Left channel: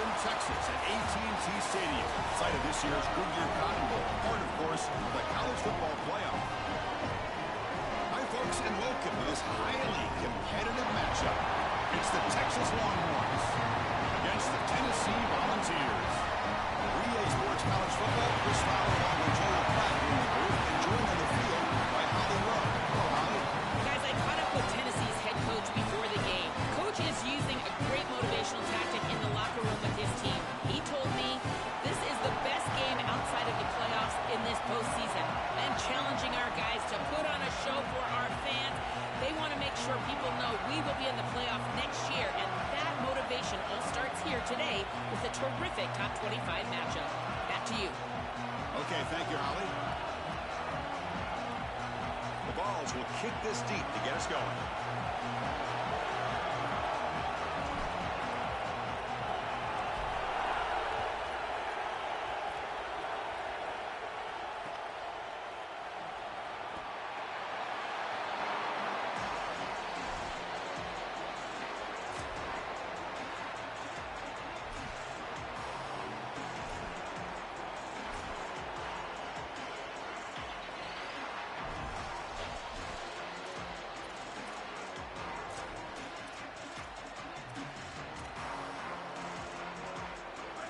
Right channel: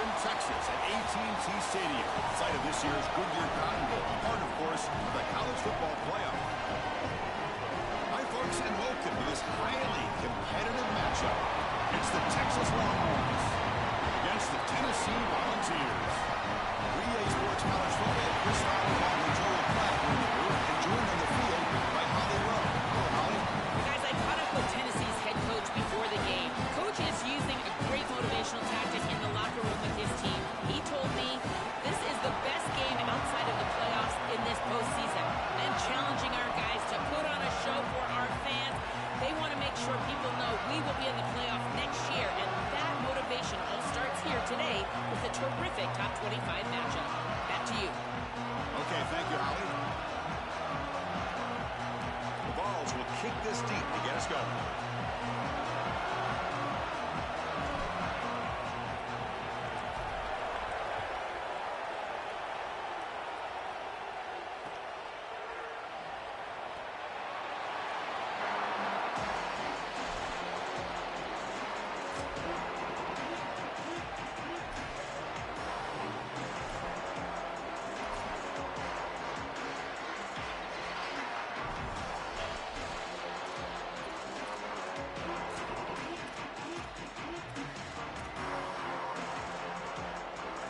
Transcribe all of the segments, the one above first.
Austin, Texas at AT&T Stadium, site of this year's Goodyear Cotton Bowl, part, of course, of the college football playoff. Hi, folks, and welcome to this highly competitive matchup. It's the Texas Longhorns against the Tennessee Volunteers. 3A Sports College Football, Chris Fowler along with Joel Platt in the booth, and joined on the field by Holly Rowe. Hello, Holly. Guys, I caught up with Tennessee's head coach before the game. Coach is using a great motivational tactic in the locker room with his team. He told me this is the best game outside of the playoffs in this postseason. And challenging our guys to put on a show for our fans. They want to make sure people know we will be in the playoff next year. And that motivation all starts here today with a terrific top 25 matchup. Back to you. Okay, thank you, Holly. The Vols will kick this deep to get us going.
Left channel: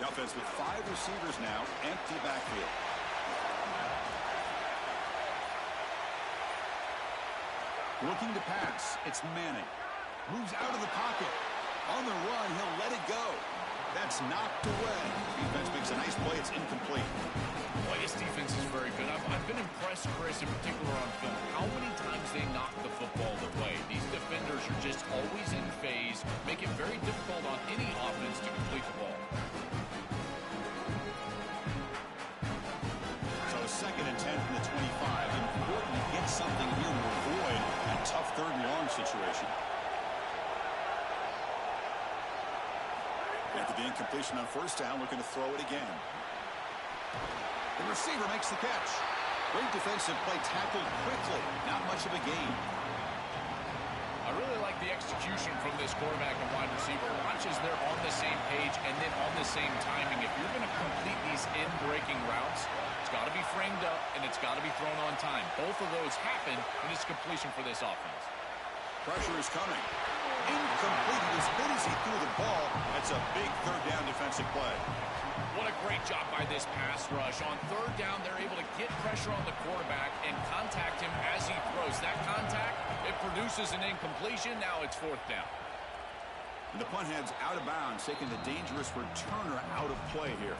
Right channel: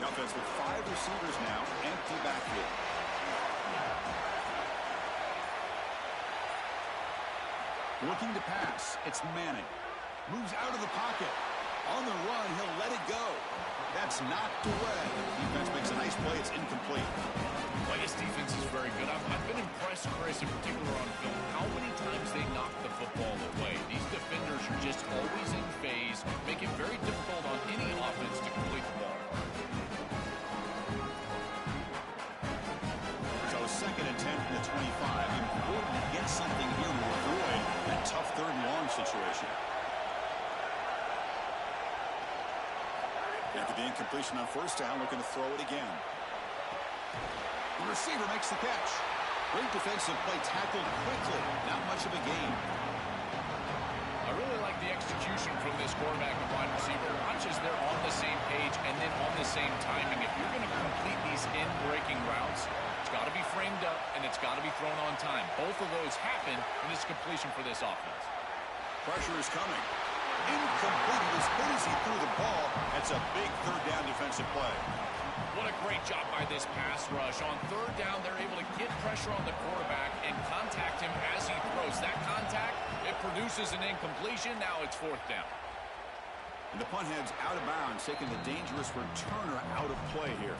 The offense with 5 receivers now, empty backfield. Looking to pass, it's Manning. Moves out of the pocket. On the run, he'll let it go. That's knocked away. Defense makes a nice play. It's incomplete. Boy, this defense is very good. I've been impressed, Chris, in particular on film, how many times they knock the football away. These defenders are just always in phase, make it very difficult on any offense to complete the ball. So 2nd and 10 from the 25. Important to get something here to avoid that tough 3rd and long situation. After the incompletion on 1st down, looking to throw it again. The receiver makes the catch. Great defensive play, tackled quickly. Not much of a gain. I really like the execution from this quarterback and wide receiver. Watch as they're on the same page and then on the same timing. If you're going to complete these in-breaking routes, it's got to be framed up and it's got to be thrown on time. Both of those happen in this completion for this offense. Pressure is coming. Incomplete. He was hit as he threw the ball. That's a big 3rd down defensive play. What a great job by this pass rush. On 3rd down, they're able to get pressure on the quarterback and contact him as he throws. That contact, it produces an incompletion. Now it's 4th down. And the punt heads out of bounds, taking the dangerous returner out of play here.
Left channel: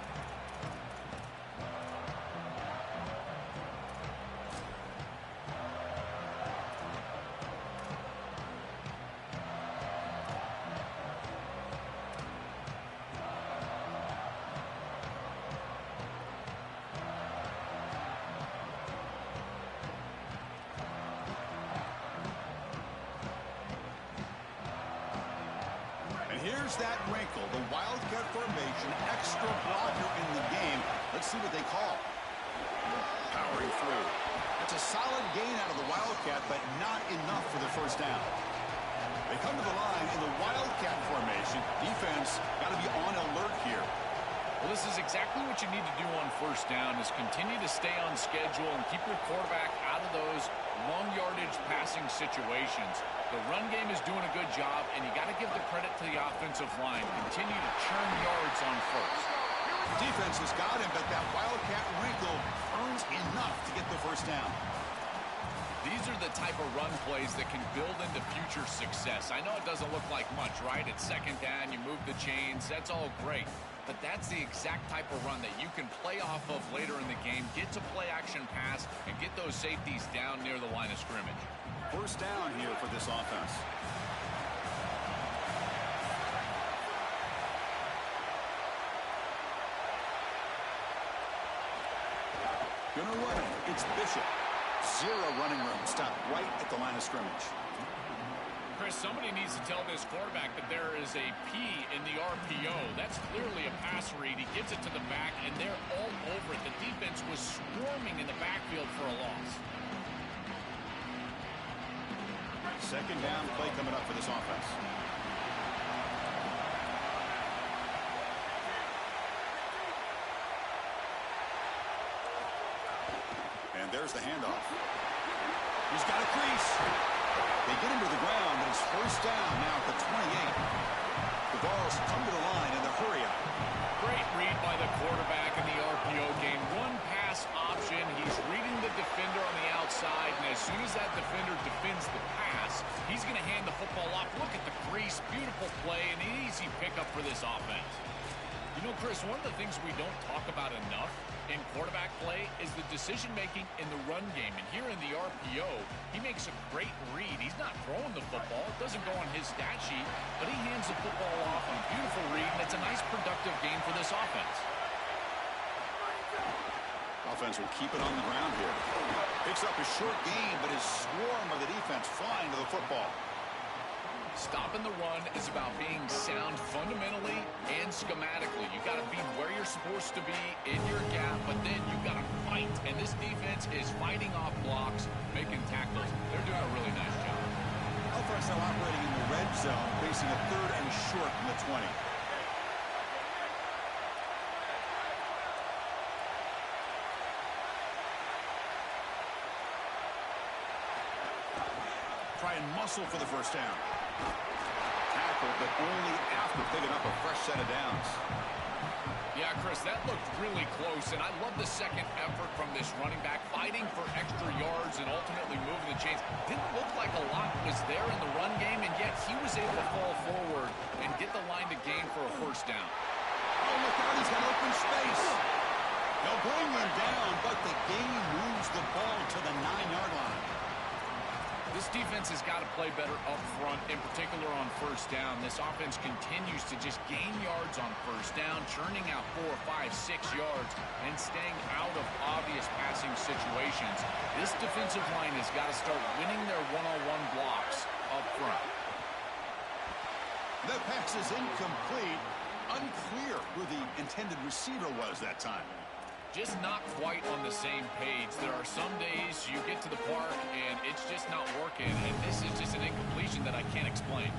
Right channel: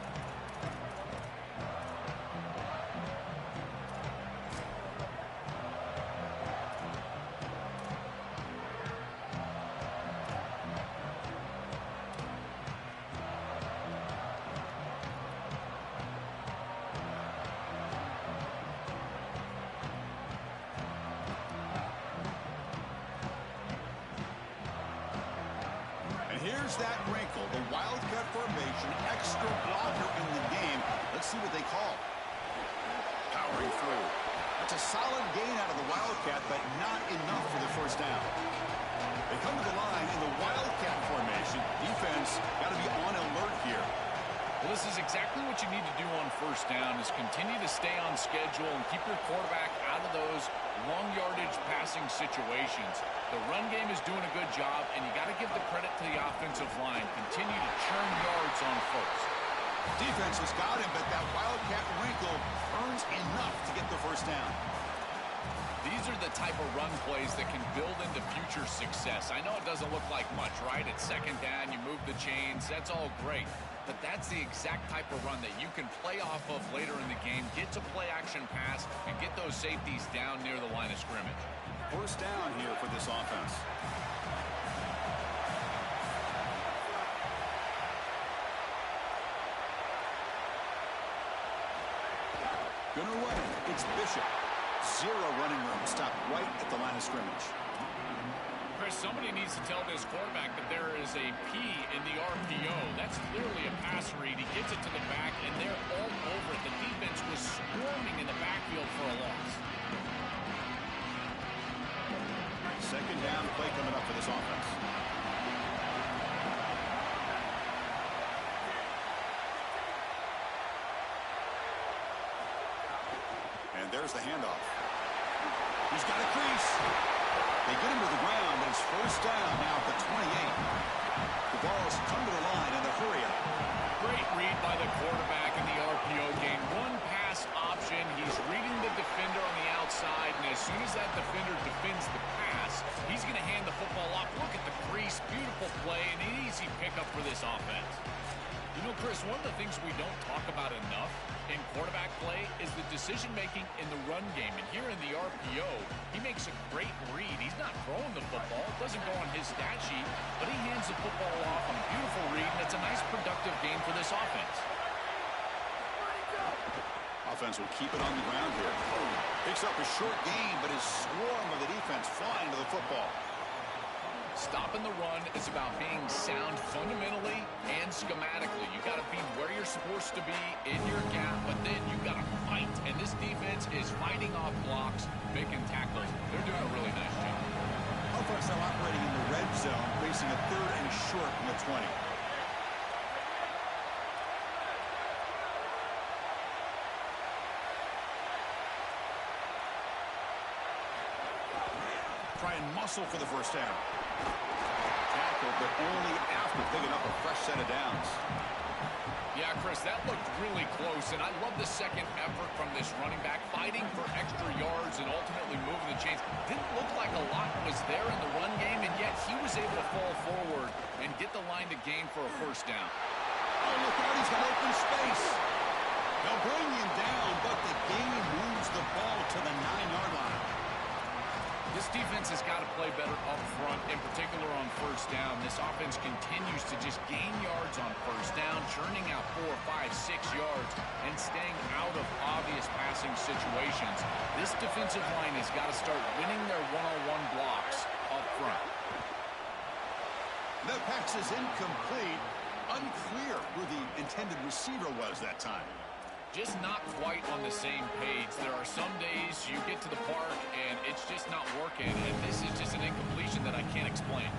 Here's that wrinkle, the Wildcat formation, extra blocker in the game. Let's see what they call. Powering through. That's a solid gain out of the Wildcat, but not enough for the 1st down. They come to the line in the Wildcat formation. Defense got to be on alert here. Well, this is exactly what you need to do on 1st down is continue to stay on schedule and keep your quarterback out of those long yardage passing situations. The run game is doing a good job, and you got to give the credit to the offensive line. Continue to churn yards on 1st. Defense has got him, but that Wildcat wrinkle earns enough to get the 1st down. These are the type of run plays that can build into future success. I know it doesn't look like much, right? It's 2nd down, you move the chains, that's all great. But that's the exact type of run that you can play off of later in the game, get to play action pass, and get those safeties down near the line of scrimmage. 1st down here for this offense. Gonna run it. It's Bishop. 0 running room. Stopped right at the line of scrimmage. Chris, somebody needs to tell this quarterback that there is a P in the RPO. That's clearly a pass read. He gets it to the back, and they're all over it. The defense was swarming in the backfield for a loss. 2nd down play coming up for this offense. And there's the handoff. He's got a crease. They get him to the ground, but it's first down now at the 28. The Vols come to the line in the hurry up. Great read by the quarterback in the RPO game. One pass option. He's reading the defender on the outside, and as soon as that defender defends the pass, he's going to hand the football off. Look at the crease. Beautiful play, and an easy pickup for this offense. You know, Chris, one of the things we don't talk about enough in quarterback play is the decision-making in the run game. And here in the RPO, he makes a great read. He's not throwing the football. It doesn't go on his stat sheet, but he hands the football off on a beautiful read, and it's a nice, productive game for this offense. Offense will keep it on the ground here. Picks up a short gain, but his swarm of the defense flying to the football. Stopping the run is about being sound fundamentally and schematically. You got to be where you're supposed to be in your gap, but then you got to fight. And this defense is fighting off blocks, making tackles. They're doing a really nice job. Offense now operating in the red zone, facing a 3rd and short from the 20. Try and muscle for the first down. Tackled, but only after picking up a fresh set of downs. Yeah, Chris, that looked really close, and I love the second effort from this running back, fighting for extra yards and ultimately moving the chains. Didn't look like a lot was there in the run game, and yet he was able to fall forward and get the line to gain for a first down. Oh, look out, he's got open space. They'll bring him down, but the gain moves the ball to the 9-yard line. This defense has got to play better up front, in particular on first down. This offense continues to just gain yards on first down, churning out 4, 5, 6 yards, and staying out of obvious passing situations. This defensive line has got to start winning their one-on-one blocks up front. The pass is incomplete. Unclear who the intended receiver was that time. Just not quite on the same page. There are some days you get to the park and it's just not working, and this is just an incompletion that I can't explain.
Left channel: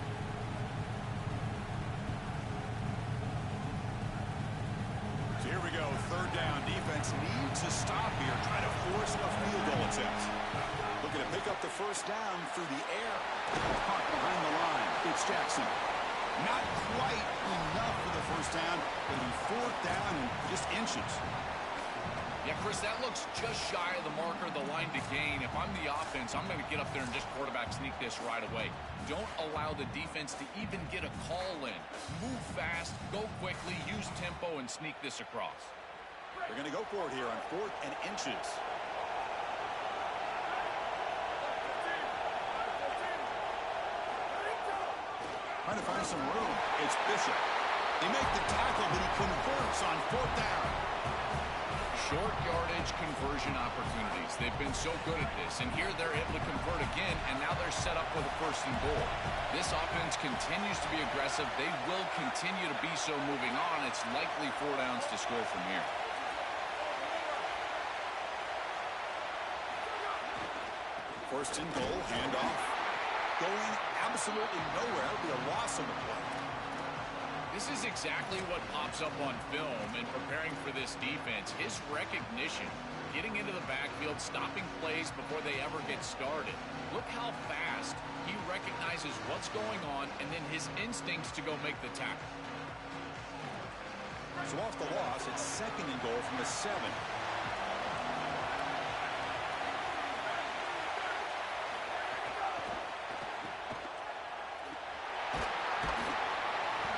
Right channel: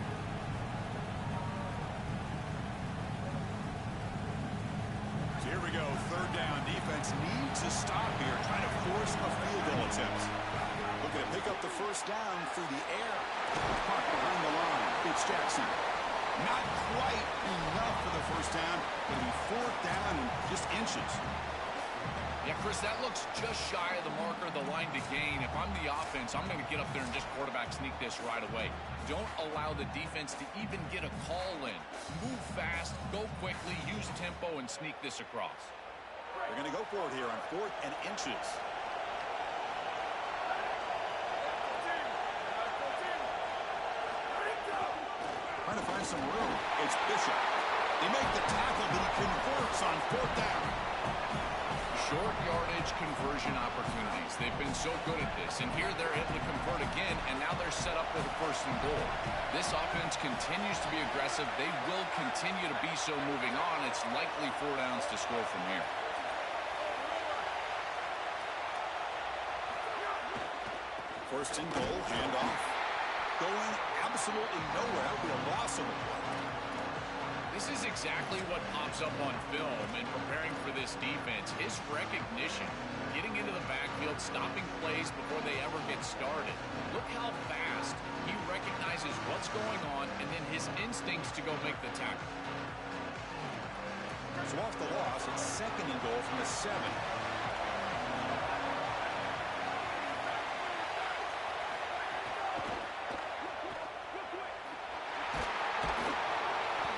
So here we go, 3rd down. Defense needs a stop here, trying to force a field goal attempt. Looking to pick up the first down through the air. Caught behind the line. It's Jackson. Not quite enough for the first down, but it'll be 4th down and just inches. Yeah, Chris, that looks just shy of the marker, the line to gain. If I'm the offense, I'm going to get up there and just quarterback sneak this right away. Don't allow the defense to even get a call in. Move fast, go quickly, use tempo, and sneak this across. They're going to go for it here on 4th and inches. Trying to find some room. It's Bishop. They make the tackle, but he converts on 4th down. Short yardage conversion opportunities. They've been so good at this, and here they're able to convert again, and now they're set up with a 1st and goal. This offense continues to be aggressive. They will continue to be so moving on. It's likely 4 downs to score from here. First and goal, handoff. Going absolutely nowhere. That would be a loss on the play. This is exactly what pops up on film in preparing for this defense. His recognition, getting into the backfield, stopping plays before they ever get started. Look how fast he recognizes what's going on, and then his instincts to go make the tackle. So off the loss, it's 2nd and goal from the 7.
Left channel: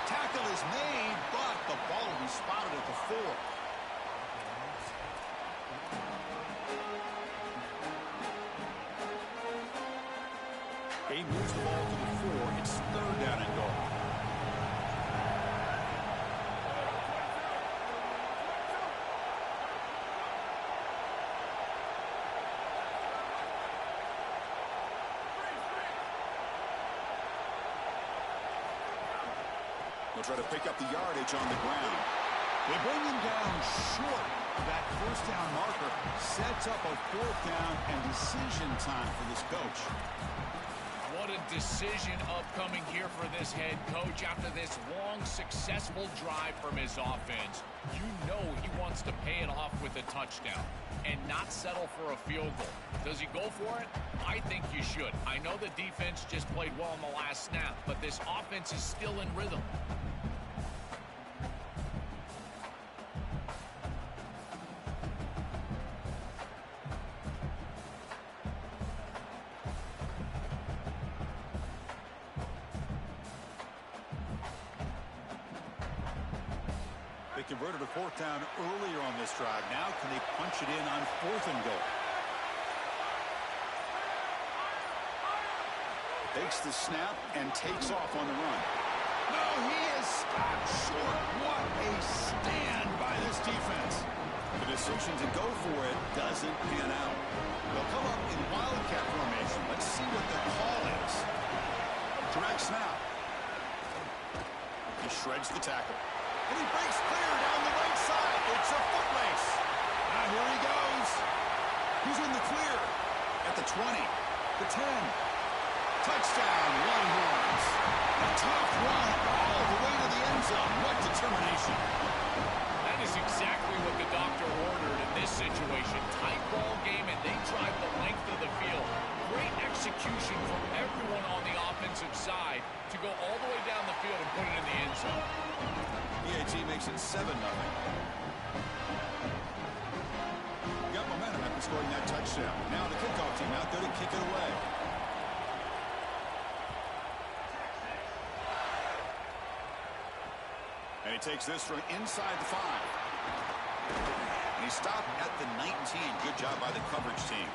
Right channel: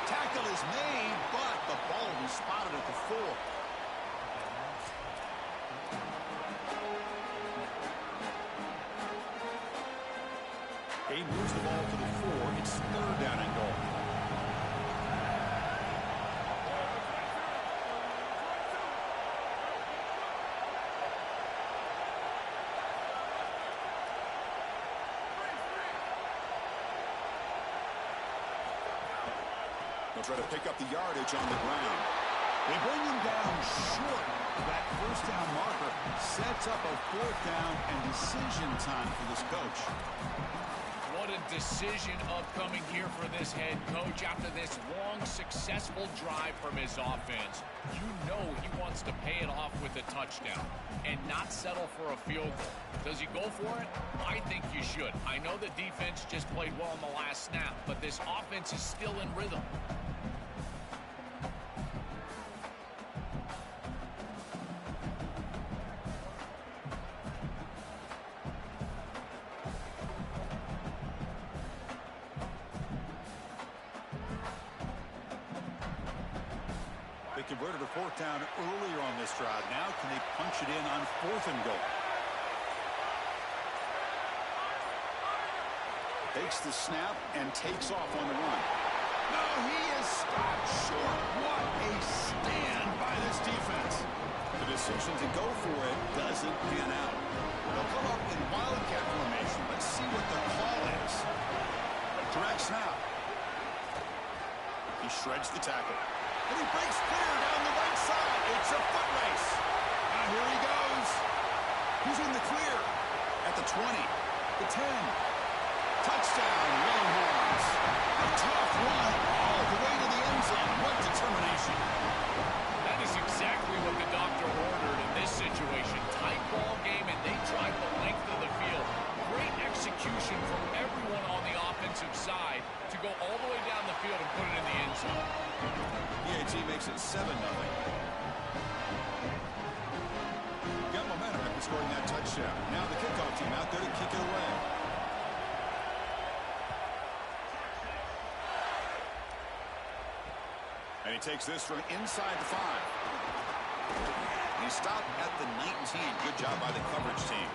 Tackle is made, but the ball will be spotted at the 4. He moves the ball to the 4. It's 3rd down and goal. They'll try to pick up the yardage on the ground. They bring him down short. That first down marker sets up a 4th down and decision time for this coach. What a decision upcoming here for this head coach after this long, successful drive from his offense. You know he wants to pay it off with a touchdown and not settle for a field goal. Does he go for it? I think you should. I know the defense just played well in the last snap, but this offense is still in rhythm. They converted a fourth down earlier on this drive. Now can they punch it in on 4th and goal? Takes the snap and takes off on the run. No, he is stopped short. What a stand by this defense. The decision to go for it doesn't pan out. They'll come up in wildcat formation. Let's see what the call is. Direct snap. He shreds the tackle. And he breaks clear down the right side. It's a foot race. Now here he goes. He's in the clear. At the 20, the 10. Touchdown, Longhorns. A tough run all the way to the end zone. What determination. That is exactly what the doctor ordered in this situation. Tight ball game, and they drive the length of the field. Great execution from everyone on the offensive side to go all the way down the field and put it in the end zone. PAT makes it 7-0. Got momentum after scoring that touchdown. Now the kickoff team out there to kick it away. And he takes this from inside the 5. And he stopped at the 19. Good job by the coverage team.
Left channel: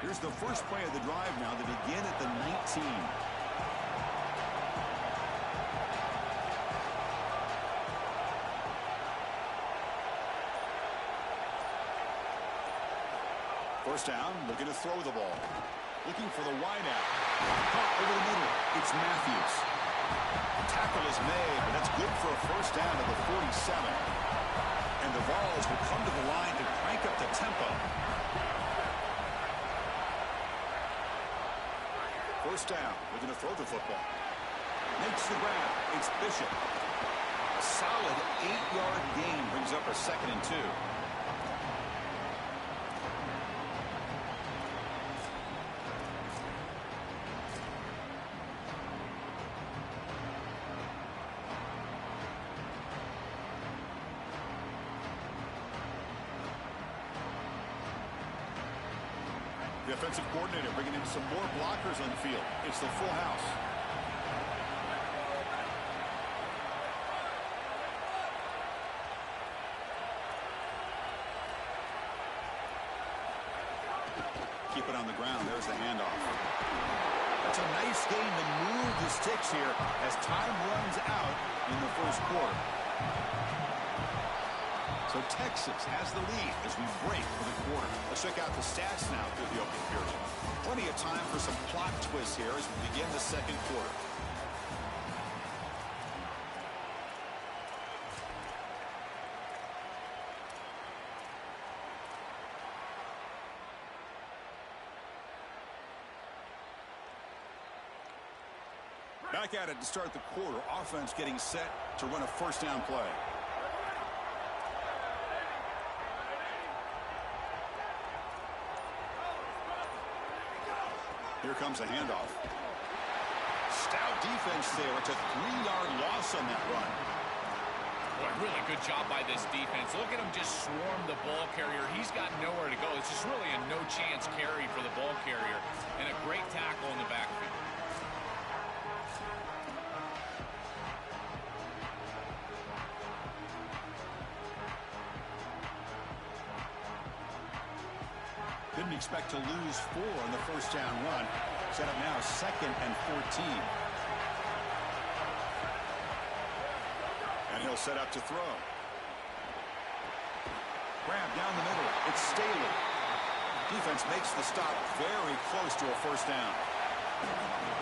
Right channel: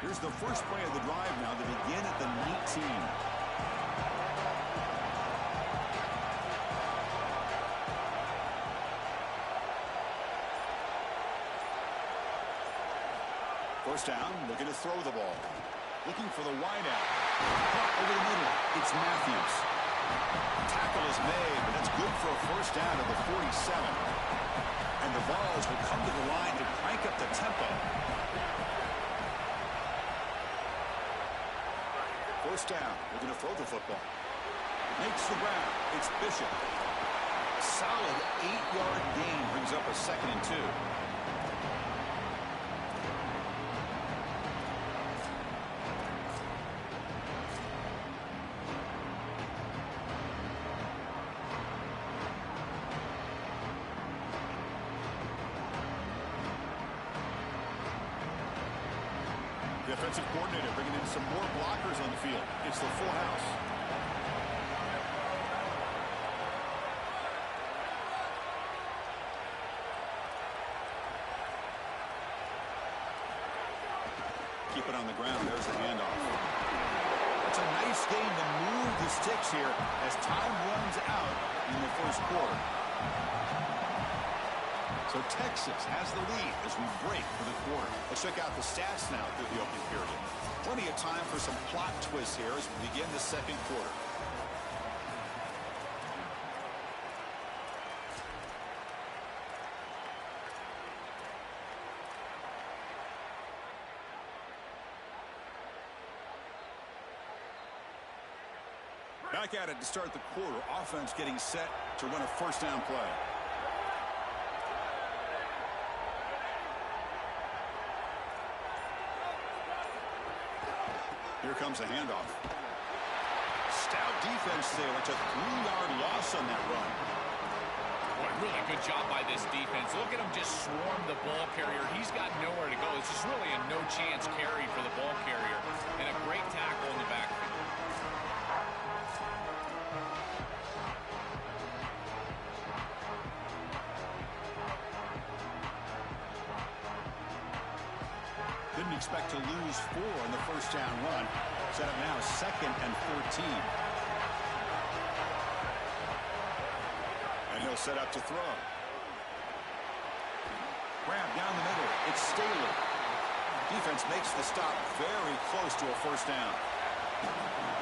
Here's the first play of the drive now to begin at the 19. First down, looking to throw the ball. Looking for the wide out. Caught over the middle. It's Matthews. Tackle is made, but that's good for a first down at the 47. And the Vols will come to the line to crank up the tempo. First down, looking to throw the football. Makes the grab. It's Bishop. A solid 8-yard gain brings up a 2nd and 2. The offensive coordinator bringing in some more blockers on the field. It's the full house. Keep it on the ground. There's the handoff. That's a nice gain to move the sticks here as time runs out in the first quarter. So Texas has the lead as we break for the quarter. Let's check out the stats now through the opening period. Plenty of time for some plot twists here as we begin the second quarter. Back at it to start the quarter. Offense getting set to run a first down play. Here comes a handoff. Stout defense there. It's a 3-yard loss on that run. Boy, really good job by this defense. Look at him just swarm the ball carrier. He's got nowhere to go. It's just really a no-chance carry for the ball carrier. And a great tackle in the backfield. Didn't expect to lose 4 on the first down run. Set up now 2nd and 14. And he'll set up to throw. Grab down the middle. It's Staley. Defense makes the stop very close to a first down.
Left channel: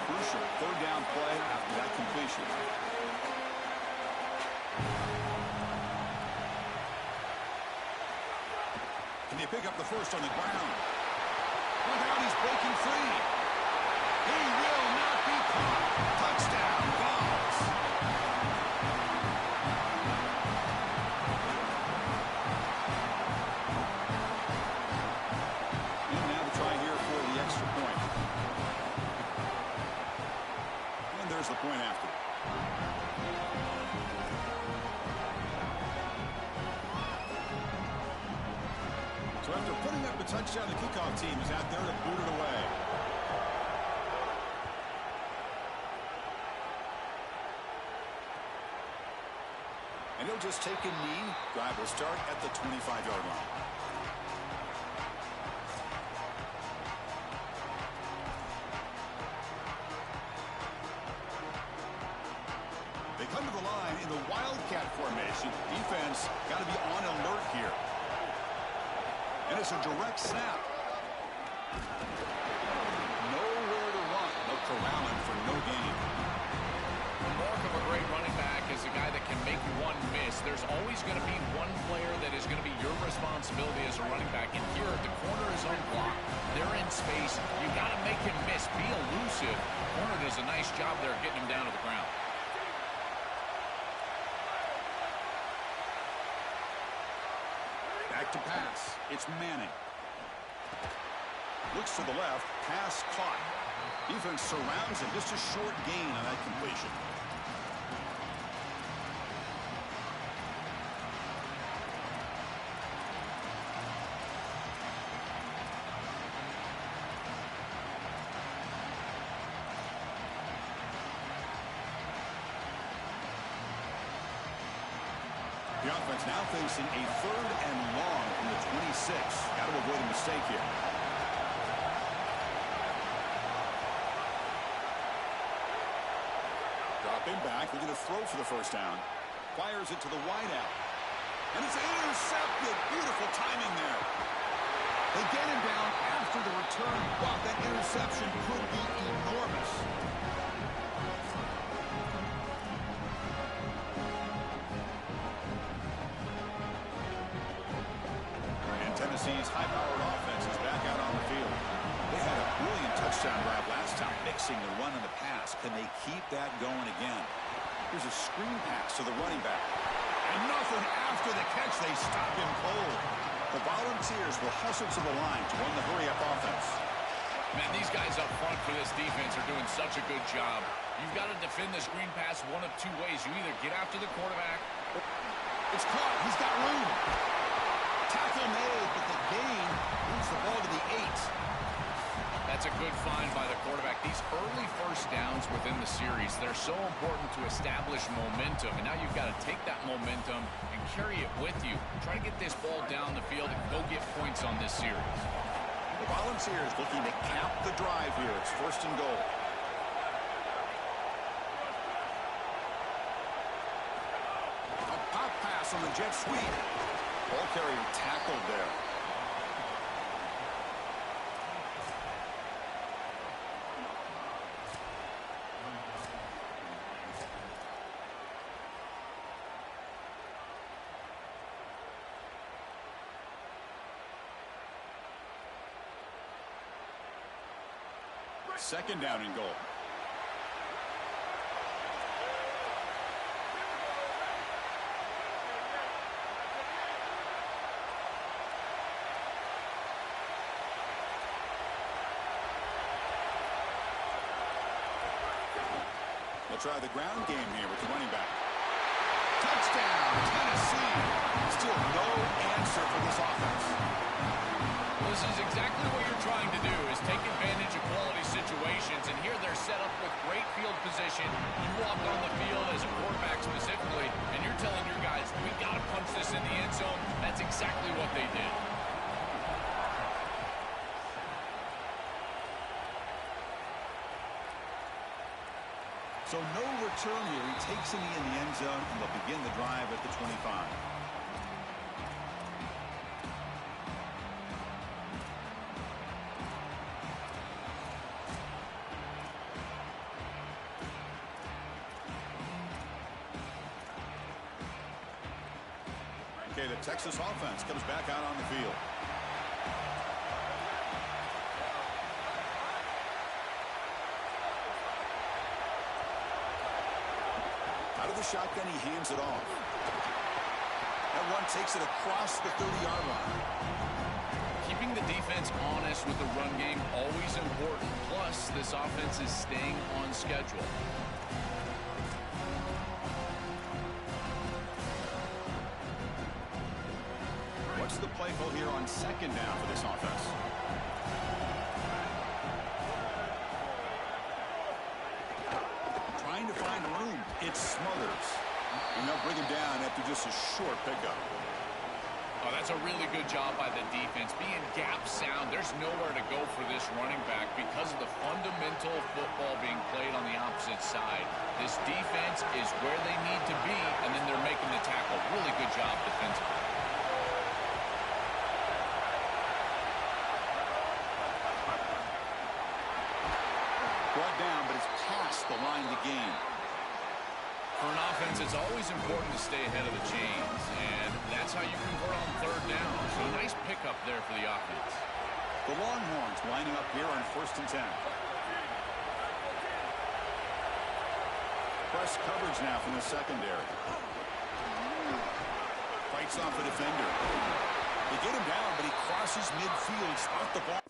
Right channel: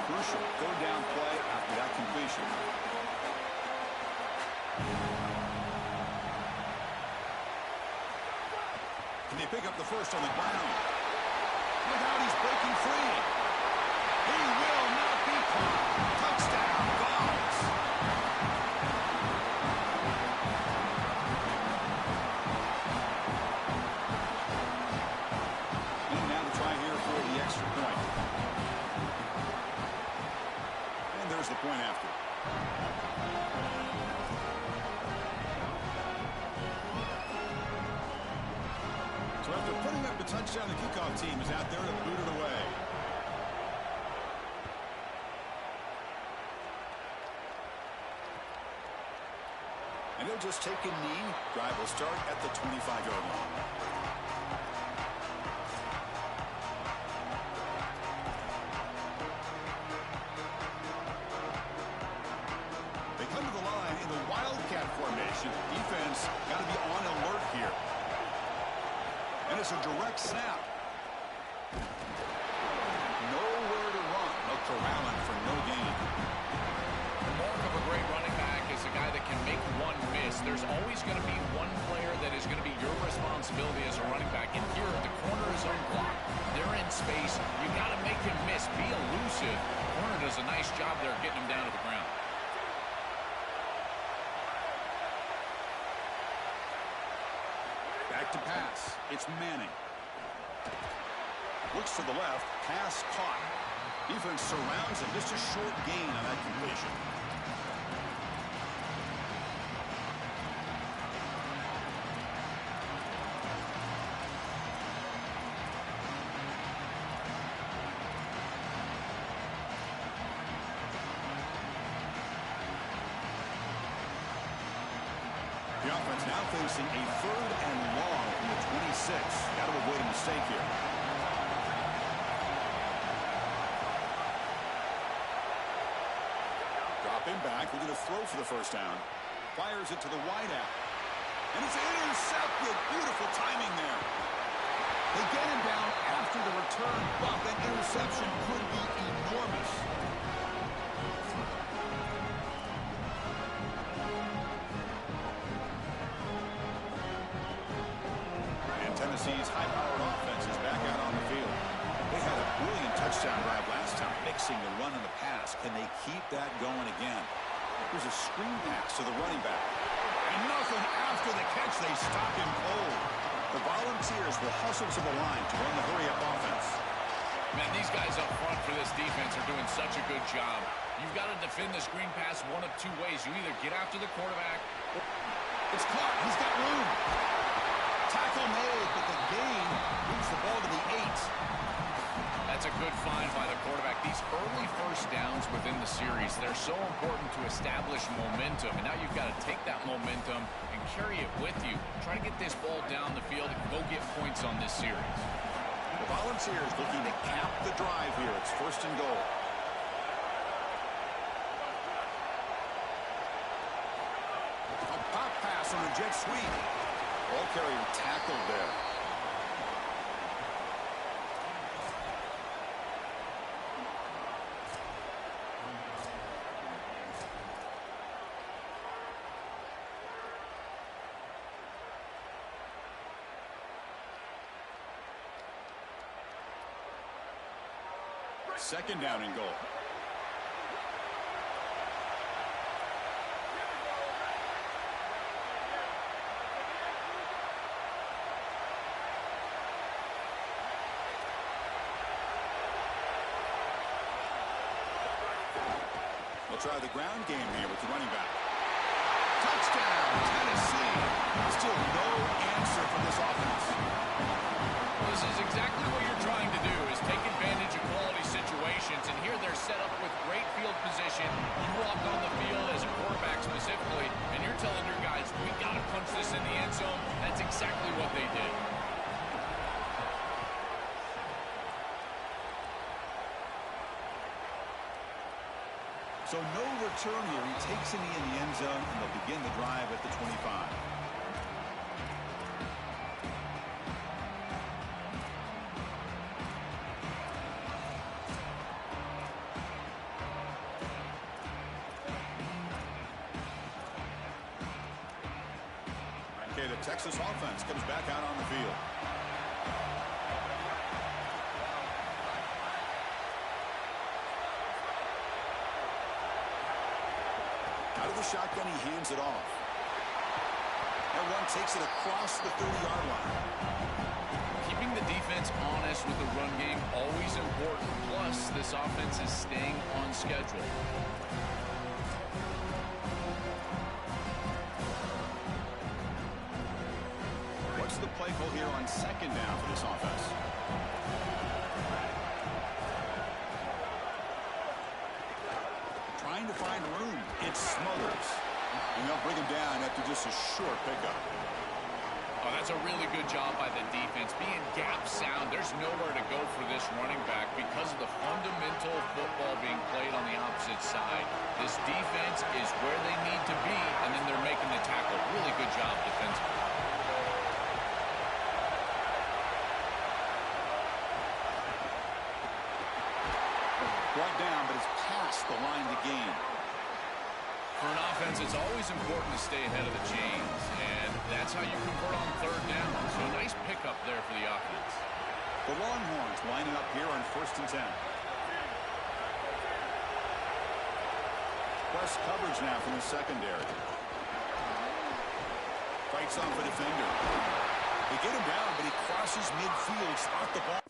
Crucial third down play after that completion. Can they pick up the first on the ground? Look out, he's breaking free. He will not be caught. Touchdown, Vols. And now the try here for the extra point. And there's the point after. So after putting up a touchdown, the kickoff team is out there to boot it away. And he'll just take a knee. Drive will start at the 25-yard line. They come to the line in the Wildcat formation. Defense got to be on alert here. And it's a direct snap. Nowhere to run. They'll corral him for no gain. The mark of a great running back is a guy that can make one miss. There's always going to be one player that is going to be your responsibility as a running back. And here, the corner is unblocked. They're in space. You got to make him miss. Be elusive. Corner does a nice job there getting him down to the ground. Back to pass. It's Manning. Looks to the left. Pass caught. Defense surrounds him. Just a short gain on that completion. The offense now facing a third and long from the 26. Got to avoid a mistake here. Dropping back, looking to throw for the first down. Fires it to the wideout. And it's intercepted. Beautiful timing there. They get him down after the return, but that interception could be enormous. Tennessee's high-powered offense is back out on the field. They had a brilliant touchdown drive last time, mixing the run and the pass. Can they keep that going again? Here's a screen pass to the running back. And nothing after the catch. They stop him cold. The Volunteers will hustle to the line to run the hurry-up offense. Man, these guys up front for this defense are doing such a good job. You've got to defend the screen pass one of two ways. You either get after the quarterback. It's caught. He's got room. Tackle made, but the gain moves the ball to the 8. That's a good find by the quarterback. These early first downs within the series, they're so important to establish momentum. And now you've got to take that momentum and carry it with you. Try to get this ball down the field and go get points on this series. The Volunteers looking to cap the drive here. It's first and goal. A pop pass on the jet sweep. Ball carrier tackled there. Second down and goal. They'll try the ground game here with the running back. Touchdown, Tennessee. Still no answer for this offense. Well, this is exactly what you're trying to do, is take advantage of quality situations. And here they're set up with great field position. You walk on the field as a quarterback specifically, and you're telling your guys, we got to punch this in the end zone. That's exactly what they did. So no return here. He takes a knee in the end zone, and they'll begin the drive at the 25. Okay, the Texas offense comes back out on the field. Out of the shotgun, he hands it off. That one takes it across the 30-yard line. Keeping the defense honest with the run game, always important. Plus, this offense is staying on schedule. What's the play call here on second down for this offense? Trying to find room. It smothers. And they'll bring him down after just a short pickup. Oh, that's a really good job by the defense. Being gap sound, there's nowhere to go for this running back because of the fundamental football being played on the opposite side. This defense is where they need to be, and then they're making the tackle. Really good job defensively. Brought down, but it's past the line to gain. For an offense, it's always important to stay ahead of the chains, and that's how you convert on third down. So a nice pickup there for the offense. The Longhorns lining up here on 1st and 10. Press coverage now from the secondary. Fights off a defender. They get him down, but he crosses midfield, spot the ball.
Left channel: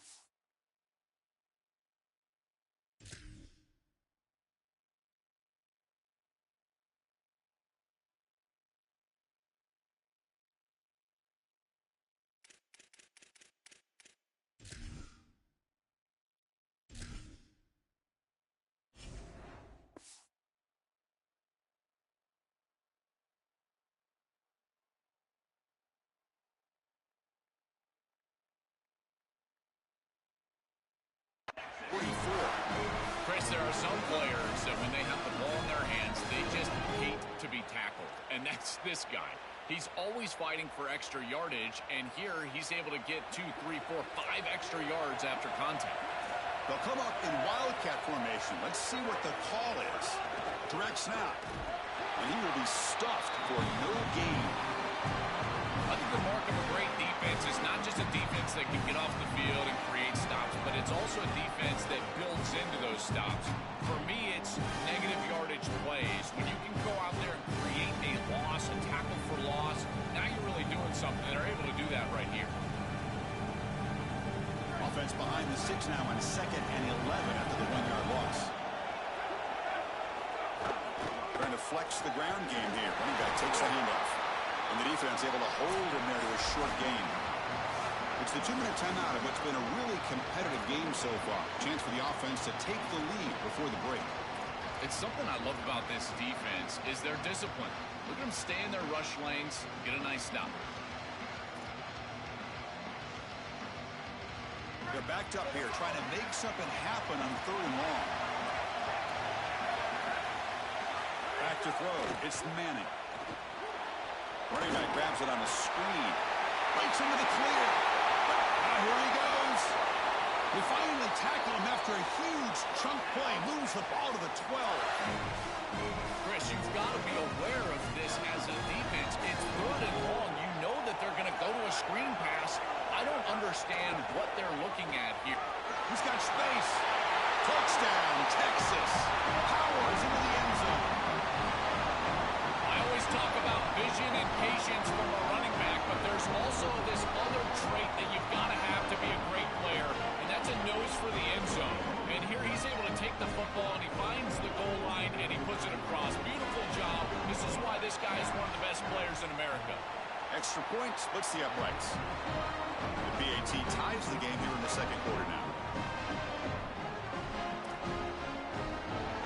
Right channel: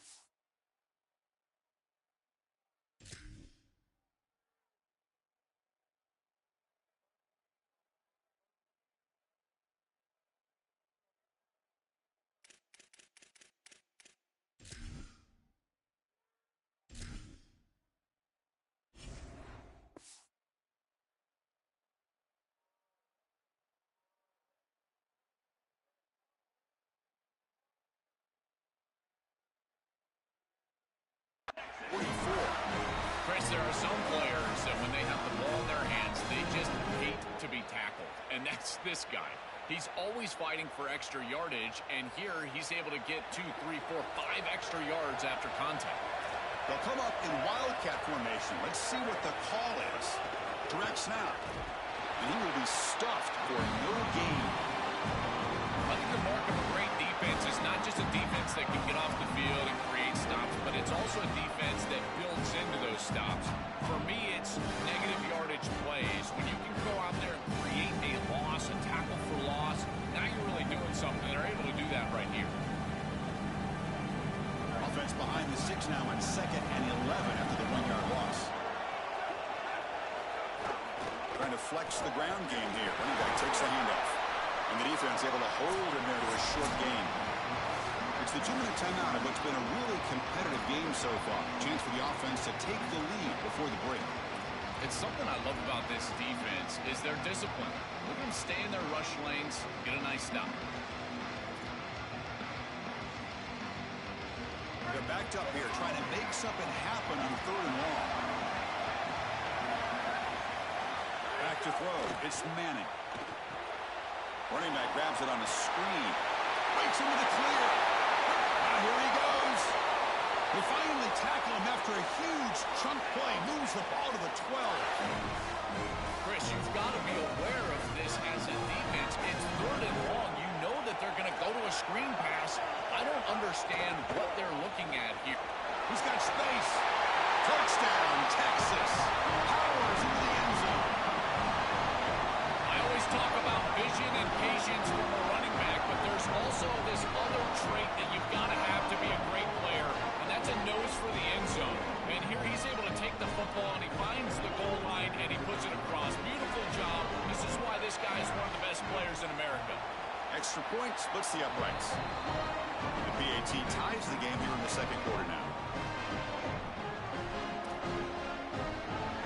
Chris, there are some players that when they have the ball in their hands, they just hate to be tackled. And that's this guy. He's always fighting for extra yardage, and here he's able to get 2, 3, 4, 5 extra yards after contact. They'll come up in wildcat formation. Let's see what the call is. Direct snap. And he will be stuffed for no gain. I think the mark of a great defense is not just a defense that can get off the field and create stops, but it's also a defense that builds into those stops. For me, it's negative yardage plays. When you can go out there and create a loss, a tackle for loss, now you're really doing something. They're able to do that right here. Offense behind the 6 now on 2nd and 11 after the 1-yard loss. Trying to flex the ground game here. Running back takes the handoff. And the defense able to hold him there to a short gain. It's the 2-minute timeout of what's been a really competitive game so far. Chance for the offense to take the lead before the break. It's something I love about this defense is their discipline. Look at them stay in their rush lanes, get a nice stop. They're backed up here trying to make something happen on 3rd and long. Back to throw. It's Manning. Running back grabs it on a screen. Breaks into the clear. Here he goes. They finally tackle him after a huge chunk play. Moves the ball to the 12. Chris, you've got to be aware of this as a defense. It's 3rd and long. You know that they're going to go to a screen pass. I don't understand what they're looking at here. He's got space. Touchdown, Texas. Powers into the end zone. I always talk about vision and patience from a running back, but there's also this other trait that you've got to have to be a great player, and that's a nose for the end zone. And here he's able to take the football, and he finds the goal line, and he puts it across. Beautiful job. This is why this guy is one of the best players in America. Extra point splits the uprights. The PAT ties the game here in the 2nd quarter now.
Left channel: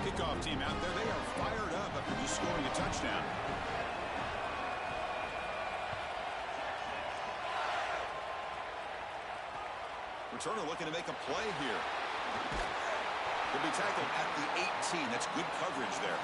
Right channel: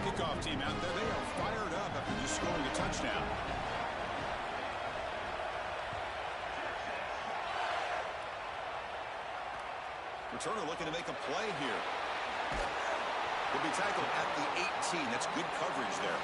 Kickoff team out there. They are fired up after just scoring a touchdown. Returner looking to make a play here. He'll be tackled at the 18. That's good coverage there.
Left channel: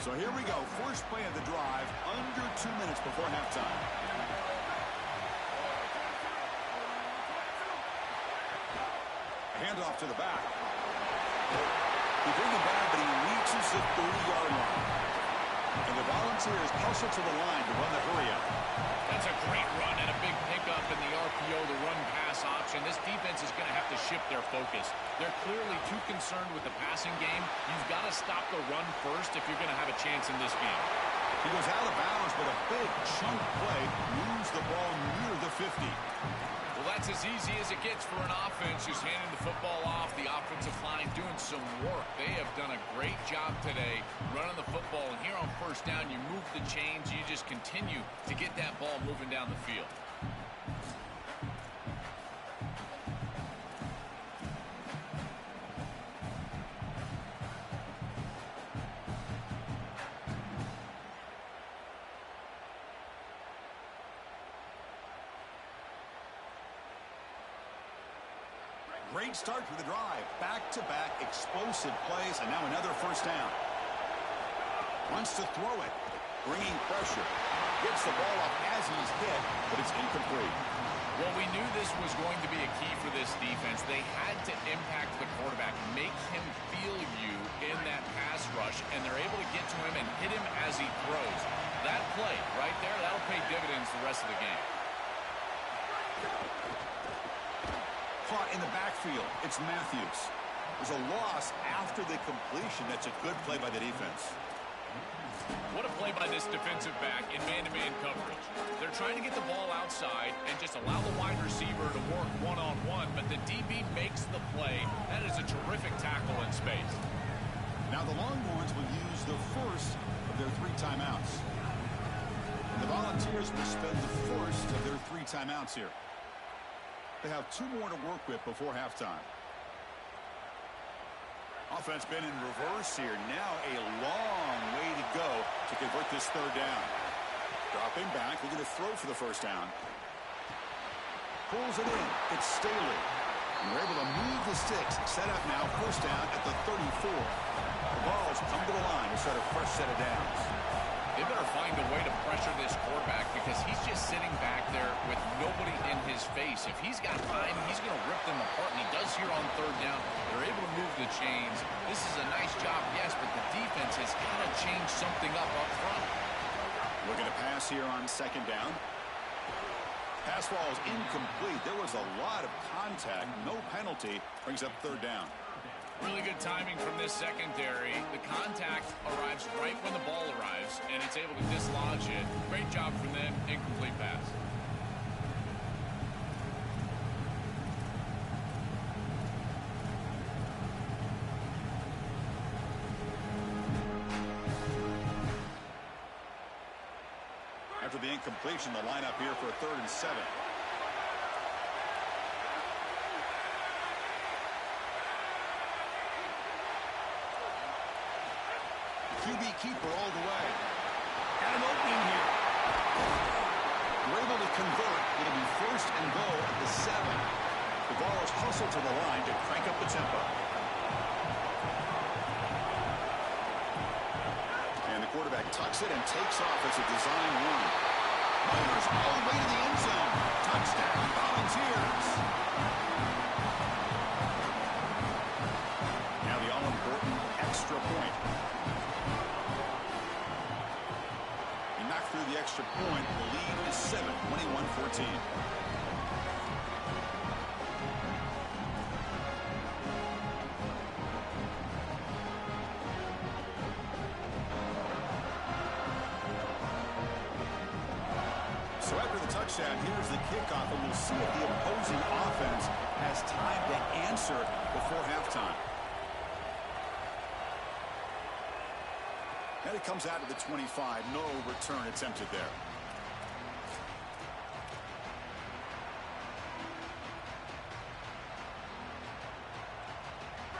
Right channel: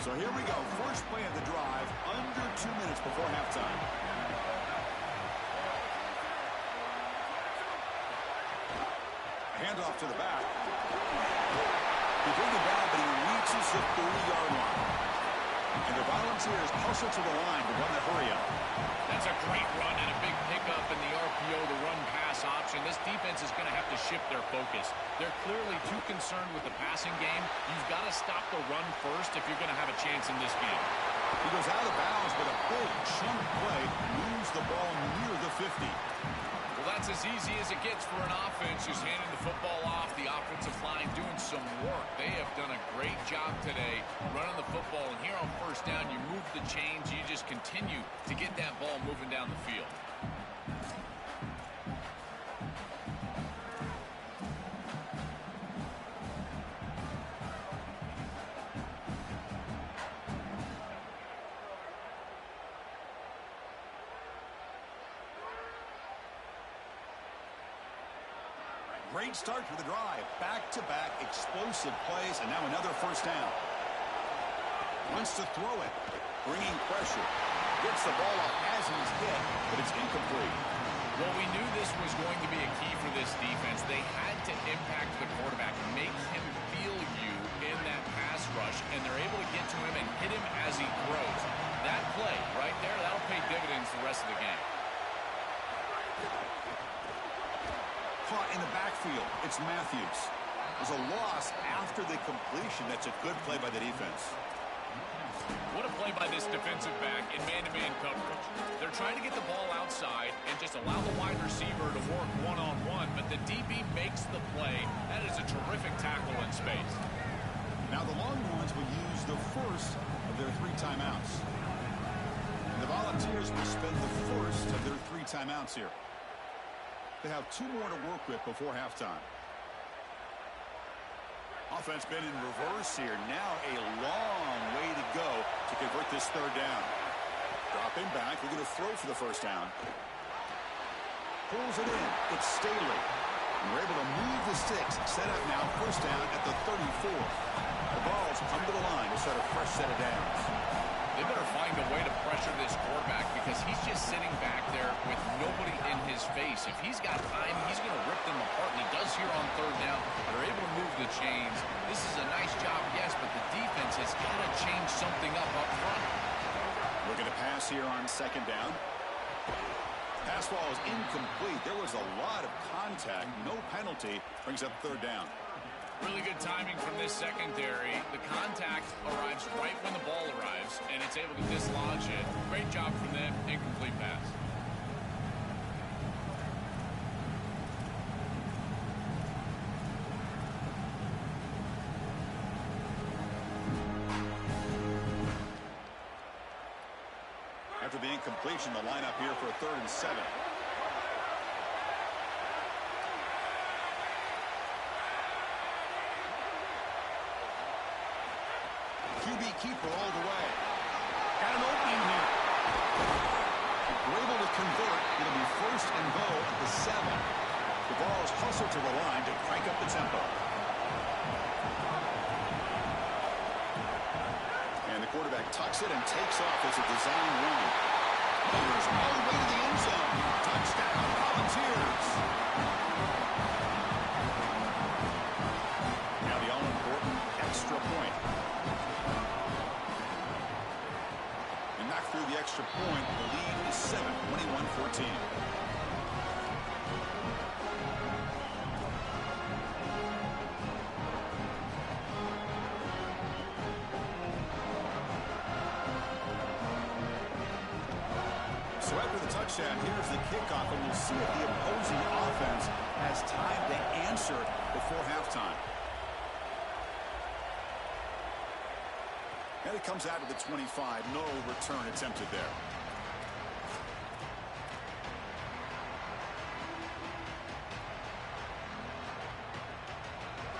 So here we go. First play of the drive under 2 minutes before halftime. Handoff to the back. He bring it down, but he reaches the 30-yard line. And the Volunteers hustle to the line to run the hurry-up. That's a great run and a big pickup in the RPO, the run-pass option. This defense is going to have to shift their focus. They're clearly too concerned with the passing game. You've got to stop the run first if you're going to have a chance in this game. He goes out of bounds, but a big chunk play moves the ball near the 50. Well, that's as easy as it gets for an offense, just handing the football off. The offensive line doing some work. They have done a great job today running the football. And here on first down, you move the chains. You just continue to get that ball moving down the field. Great start to the drive. Back-to-back explosive plays, and now another first down. Wants to throw it. Bringing pressure. Gets the ball off as he's hit, but it's incomplete. Well, we knew this was going to be a key for this defense. They had to impact the quarterback, make him feel you in that pass rush, and they're able to get to him and hit him as he throws. That play right there, that'll pay dividends the rest of the game. Caught in the backfield. It's Matthews. There's a loss after the completion. That's a good play by the defense. What a play by this defensive back in man-to-man coverage. They're trying to get the ball outside and just allow the wide receiver to work one-on-one, but the DB makes the play. That is a terrific tackle in space. Now the Longhorns will use the first of their 3 timeouts. And the Volunteers will spend the first of their 3 timeouts here. They have 2 more to work with before halftime. Offense been in reverse here. Now a long way to go to convert this 3rd down. Dropping back. We're going to throw for the first down. Pulls it in. It's Staley. And we're able to move the sticks. Set up now. First down at the 34. The Vols come to the line to start a fresh set of downs. They better find a way to pressure this quarterback because he's just sitting back there with nobody in his face. If he's got time, he's going to rip them apart, and he does here on 3rd down. They're able to move the chains. This is a nice job, yes, but the defense has got to change something up front. Looking to pass here on 2nd down. Pass ball is incomplete. There was a lot of contact. No penalty. Brings up 3rd down. Really good timing from this secondary. The contact arrives right when the ball arrives, and it's able to dislodge it. Great job from them. Incomplete pass. After the incompletion, the lineup here for a 3rd and 7. QB keeper all the way. Got an opening here. We're able to convert. It'll be 1st and goal at the 7. The Vols hustle to the line to crank up the tempo. And the quarterback tucks it and takes off as a design run. Motors all the way to the end zone. Touchdown, Volunteers. Now the all-important extra point. Knock through the extra point. The lead is 7, 21-14. So after the touchdown, here's the kickoff, and we'll see if the opposing offense has time to answer before halftime. And it comes out to the 25. No return attempted there.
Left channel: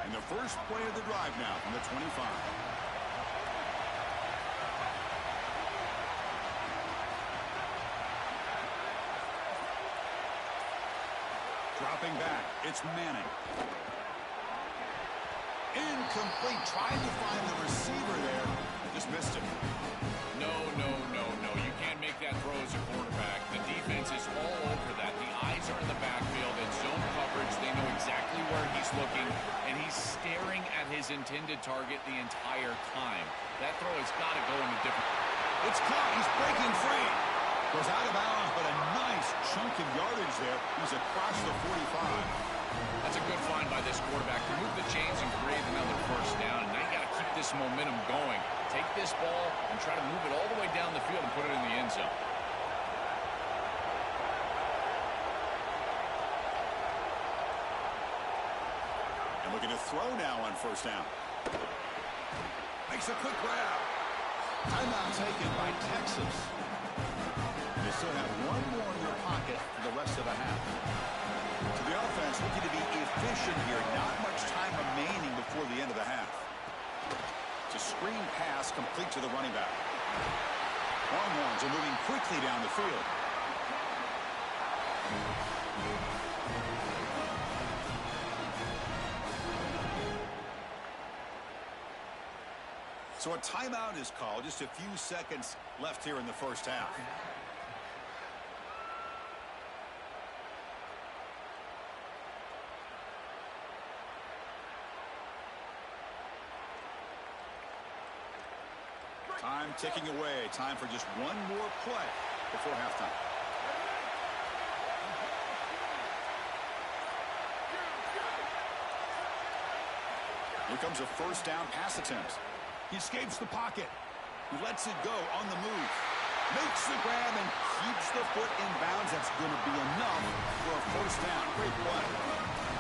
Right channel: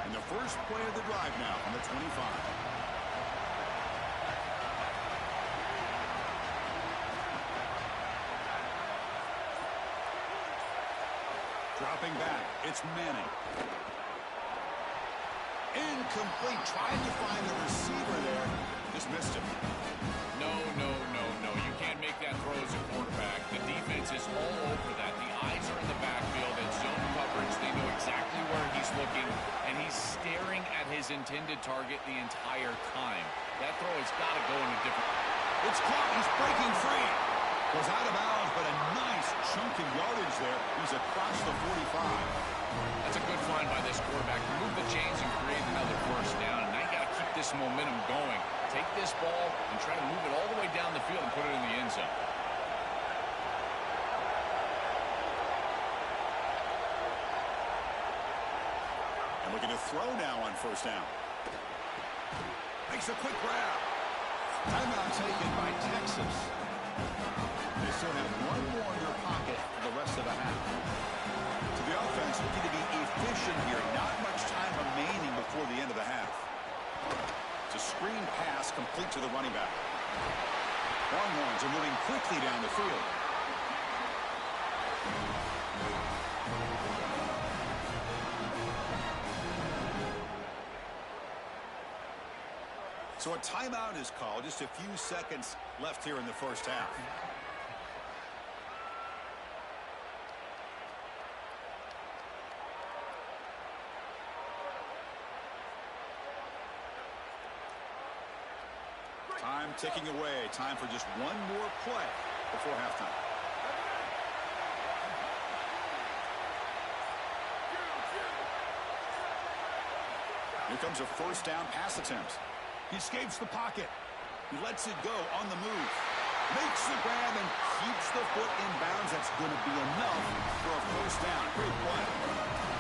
And the first play of the drive now from the 25. Dropping back. It's Manning. Incomplete. Trying to find the receiver there. Just missed him. No. You can't make that throw as a quarterback. The defense is all over that. The eyes are in the backfield. It's zone coverage. They know exactly where he's looking, and he's staring at his intended target the entire time. That throw has got to go in a different... It's caught. He's breaking free. Goes out of bounds, but a nice chunk of yardage there. He's across the 45. That's a good find by this quarterback to move the chains and create another first down. And now you got to keep this momentum going. Take this ball and try to move it all the way down the field and put it in the end zone. And looking to throw now on first down. Makes a quick grab. Timeout taken by Texas. They still have one more in their pocket for the rest of the half. So the offense looking to be efficient here. Not much time remaining before the end of the half. It's a screen pass complete to the running back. Longhorns are moving quickly down the field. So a timeout is called. Just a few seconds left here in the first half. Time ticking away. Time for just one more play before halftime. Here comes a first down pass attempt. He escapes the pocket. He lets it go on the move. Makes the grab and keeps the foot in bounds. That's going to be enough for a first down. Great play.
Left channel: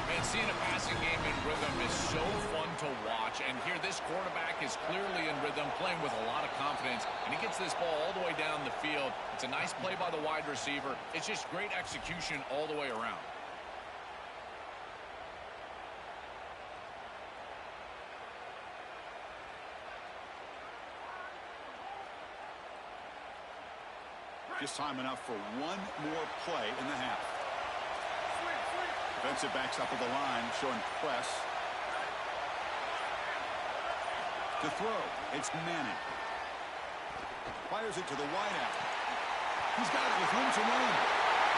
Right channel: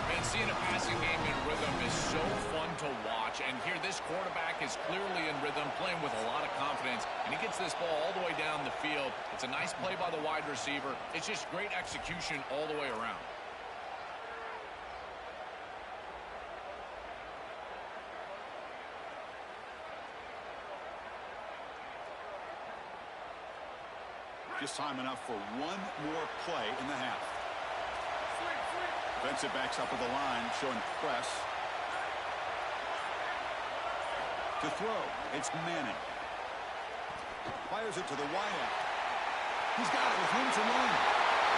Man, seeing a passing game in rhythm is so fun to watch. And here, this quarterback is clearly in rhythm, playing with a lot of confidence. And he gets this ball all the way down the field. It's a nice play by the wide receiver. It's just great execution all the way around. Just time enough for one more play in the half. Defensive backs up at the line, showing press. To throw, it's Manning. Fires it to the wideout. He's got it with room to run.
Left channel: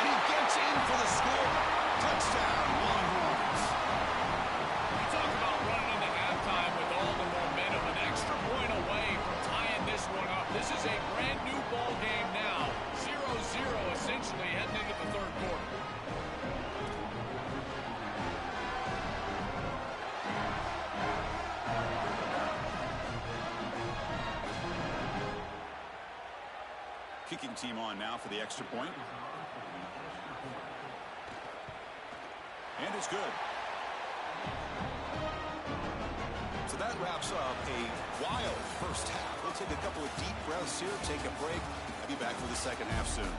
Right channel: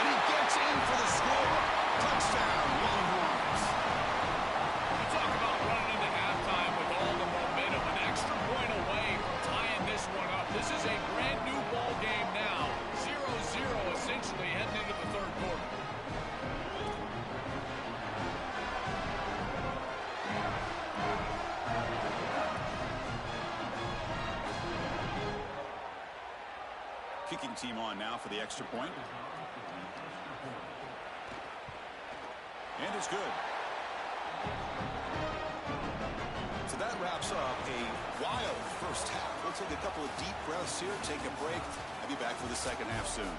And he gets in for the score. Touchdown, Longhorns. You talk about running into halftime with all the momentum, an extra point away from tying this one up. This is a brand new ball game now. 0-0 essentially heading into the third quarter. Kicking team on now for the extra point. And it's good. So that wraps up a wild first half. We'll take a couple of deep breaths here, take a break. I'll be back for the second half soon.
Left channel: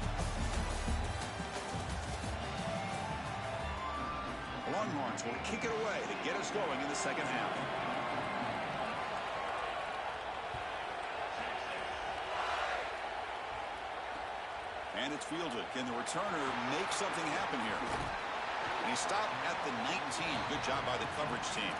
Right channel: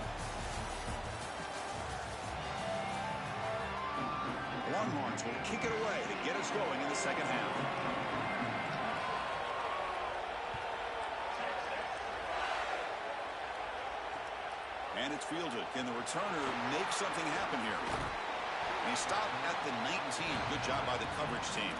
The Longhorns will kick it away to get us going in the second half. And it's fielded. Can the returner make something happen here? And he stopped at the 19. Good job by the coverage team.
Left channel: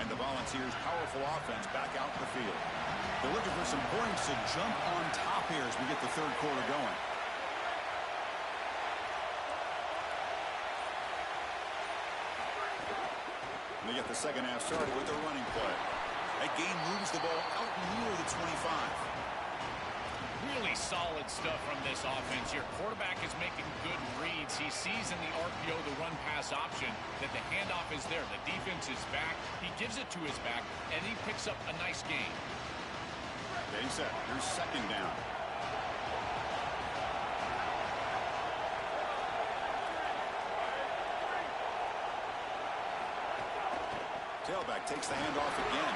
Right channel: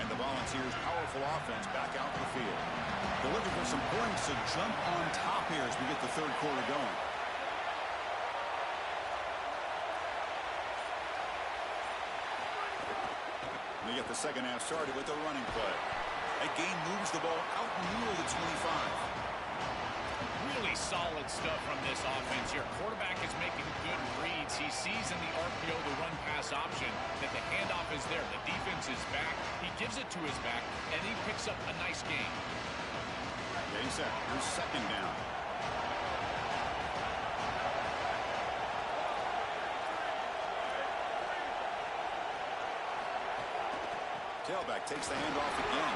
And the Volunteers' powerful offense back out in the field. They're looking for some points to jump on top here as we get the third quarter going. They get the second half started with a running play. That gain moves the ball out near the 25. Really solid stuff from this offense here. Quarterback is making good reads. He sees in the RPO the run-pass option that the handoff is there. The defense is back. He gives it to his back, and he picks up a nice gain. Getting set. Here's second down. Tailback takes the handoff again.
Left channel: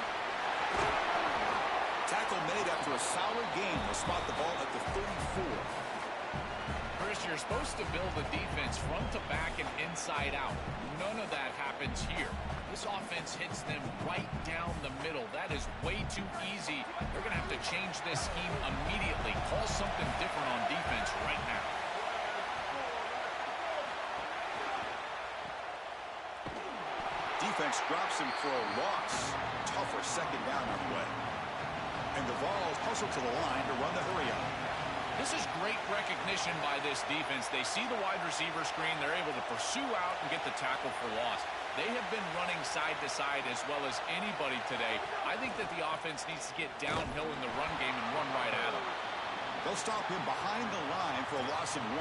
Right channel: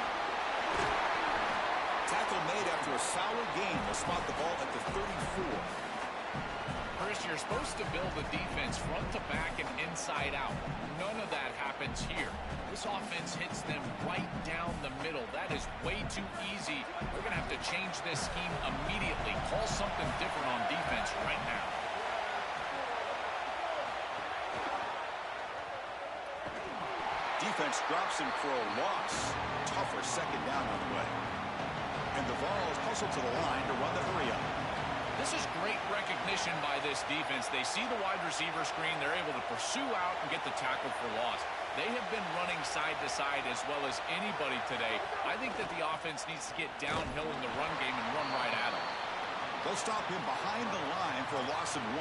Tackle made after a solid gain. They'll spot the ball at the 34. Chris, you're supposed to build a defense front to back and inside out. None of that happens here. This offense hits them right down the middle. That is way too easy. They're going to have to change this scheme immediately. Call something different on defense right now. defense drops him for a loss. Tougher second down on the way. And the Vols hustle to the line to run the hurry up. This is great recognition by this defense. They see the wide receiver screen. They're able to pursue out and get the tackle for loss. They have been running side to side as well as anybody today. I think that the offense needs to get downhill in the run game and run right at him. They'll stop him behind the line for a loss of 1.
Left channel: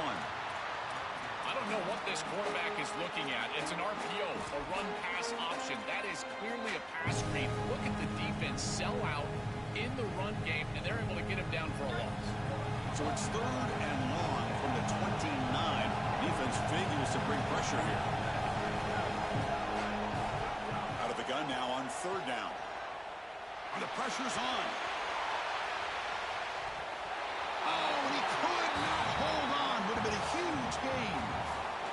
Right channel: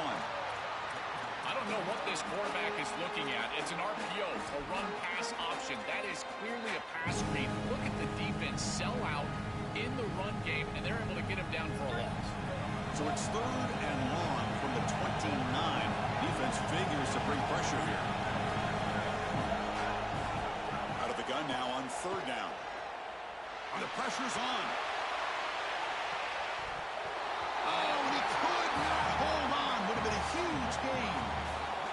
I don't know what this quarterback is looking at. It's an RPO, a run-pass option. That is clearly a pass screen. Look at the defense sell out in the run game, and they're able to get him down for a loss. So it's 3rd and long from the 29. Defense figures to bring pressure here. Out of the gun now on 3rd down. And the pressure's on. Oh, and he could not hold on. Would have been a huge gain.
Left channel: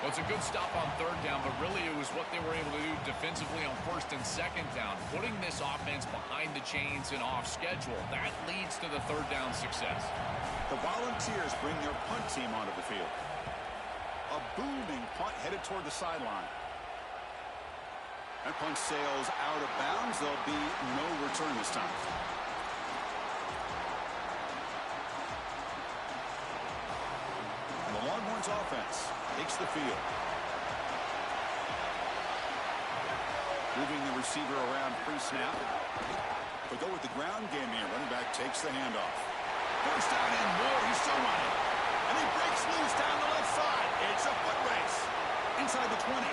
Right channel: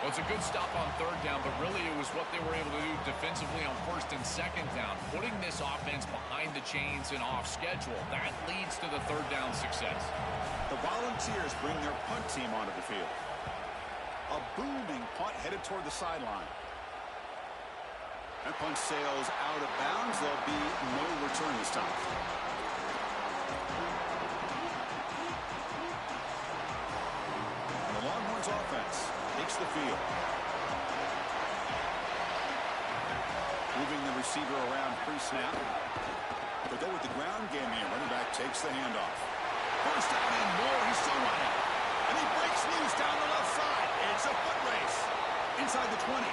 Well, it's a good stop on 3rd down, but really it was what they were able to do defensively on 1st and 2nd down. Putting this offense behind the chains and off schedule, that leads to the 3rd down success. The Volunteers bring their punt team onto the field. A booming punt headed toward the sideline. That punt sails out of bounds. There'll be no return this time. And the Longhorns offense takes the field. Moving the receiver around pre-snap. They go with the ground game here. Running back takes the handoff. First down and more. He's still running. And he breaks loose down the left side. It's a foot race. Inside the 20.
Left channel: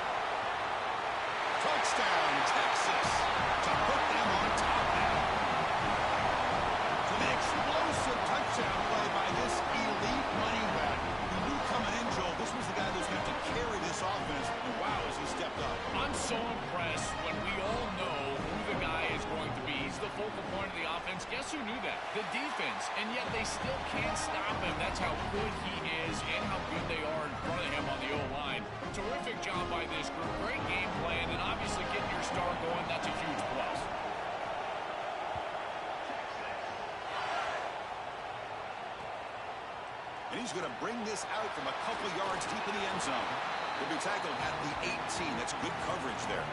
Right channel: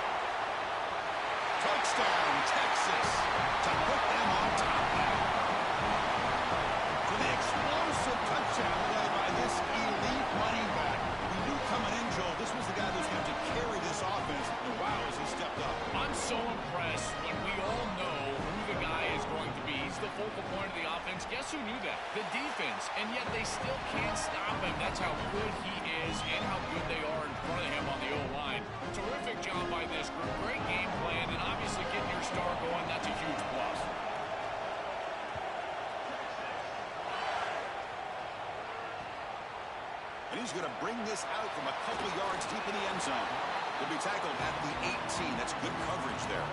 Touchdown, Texas. To put them on top now. For the explosive touchdown play by this elite running back. He knew coming in, Joel, this was the guy that was going to have to carry this offense. And wow, has he stepped up. I'm so impressed when we all know who the guy is going to be. He's the focal point of the offense. Guess who knew that? The defense. And yet they still can't stop him. That's how good he is and how good they are in front of him on the O-line. Terrific job by this group. Great game plan, and obviously getting your star going, that's a huge plus. And he's going to bring this out from a couple yards deep in the end zone. He'll be tackled at the 18. That's good coverage there.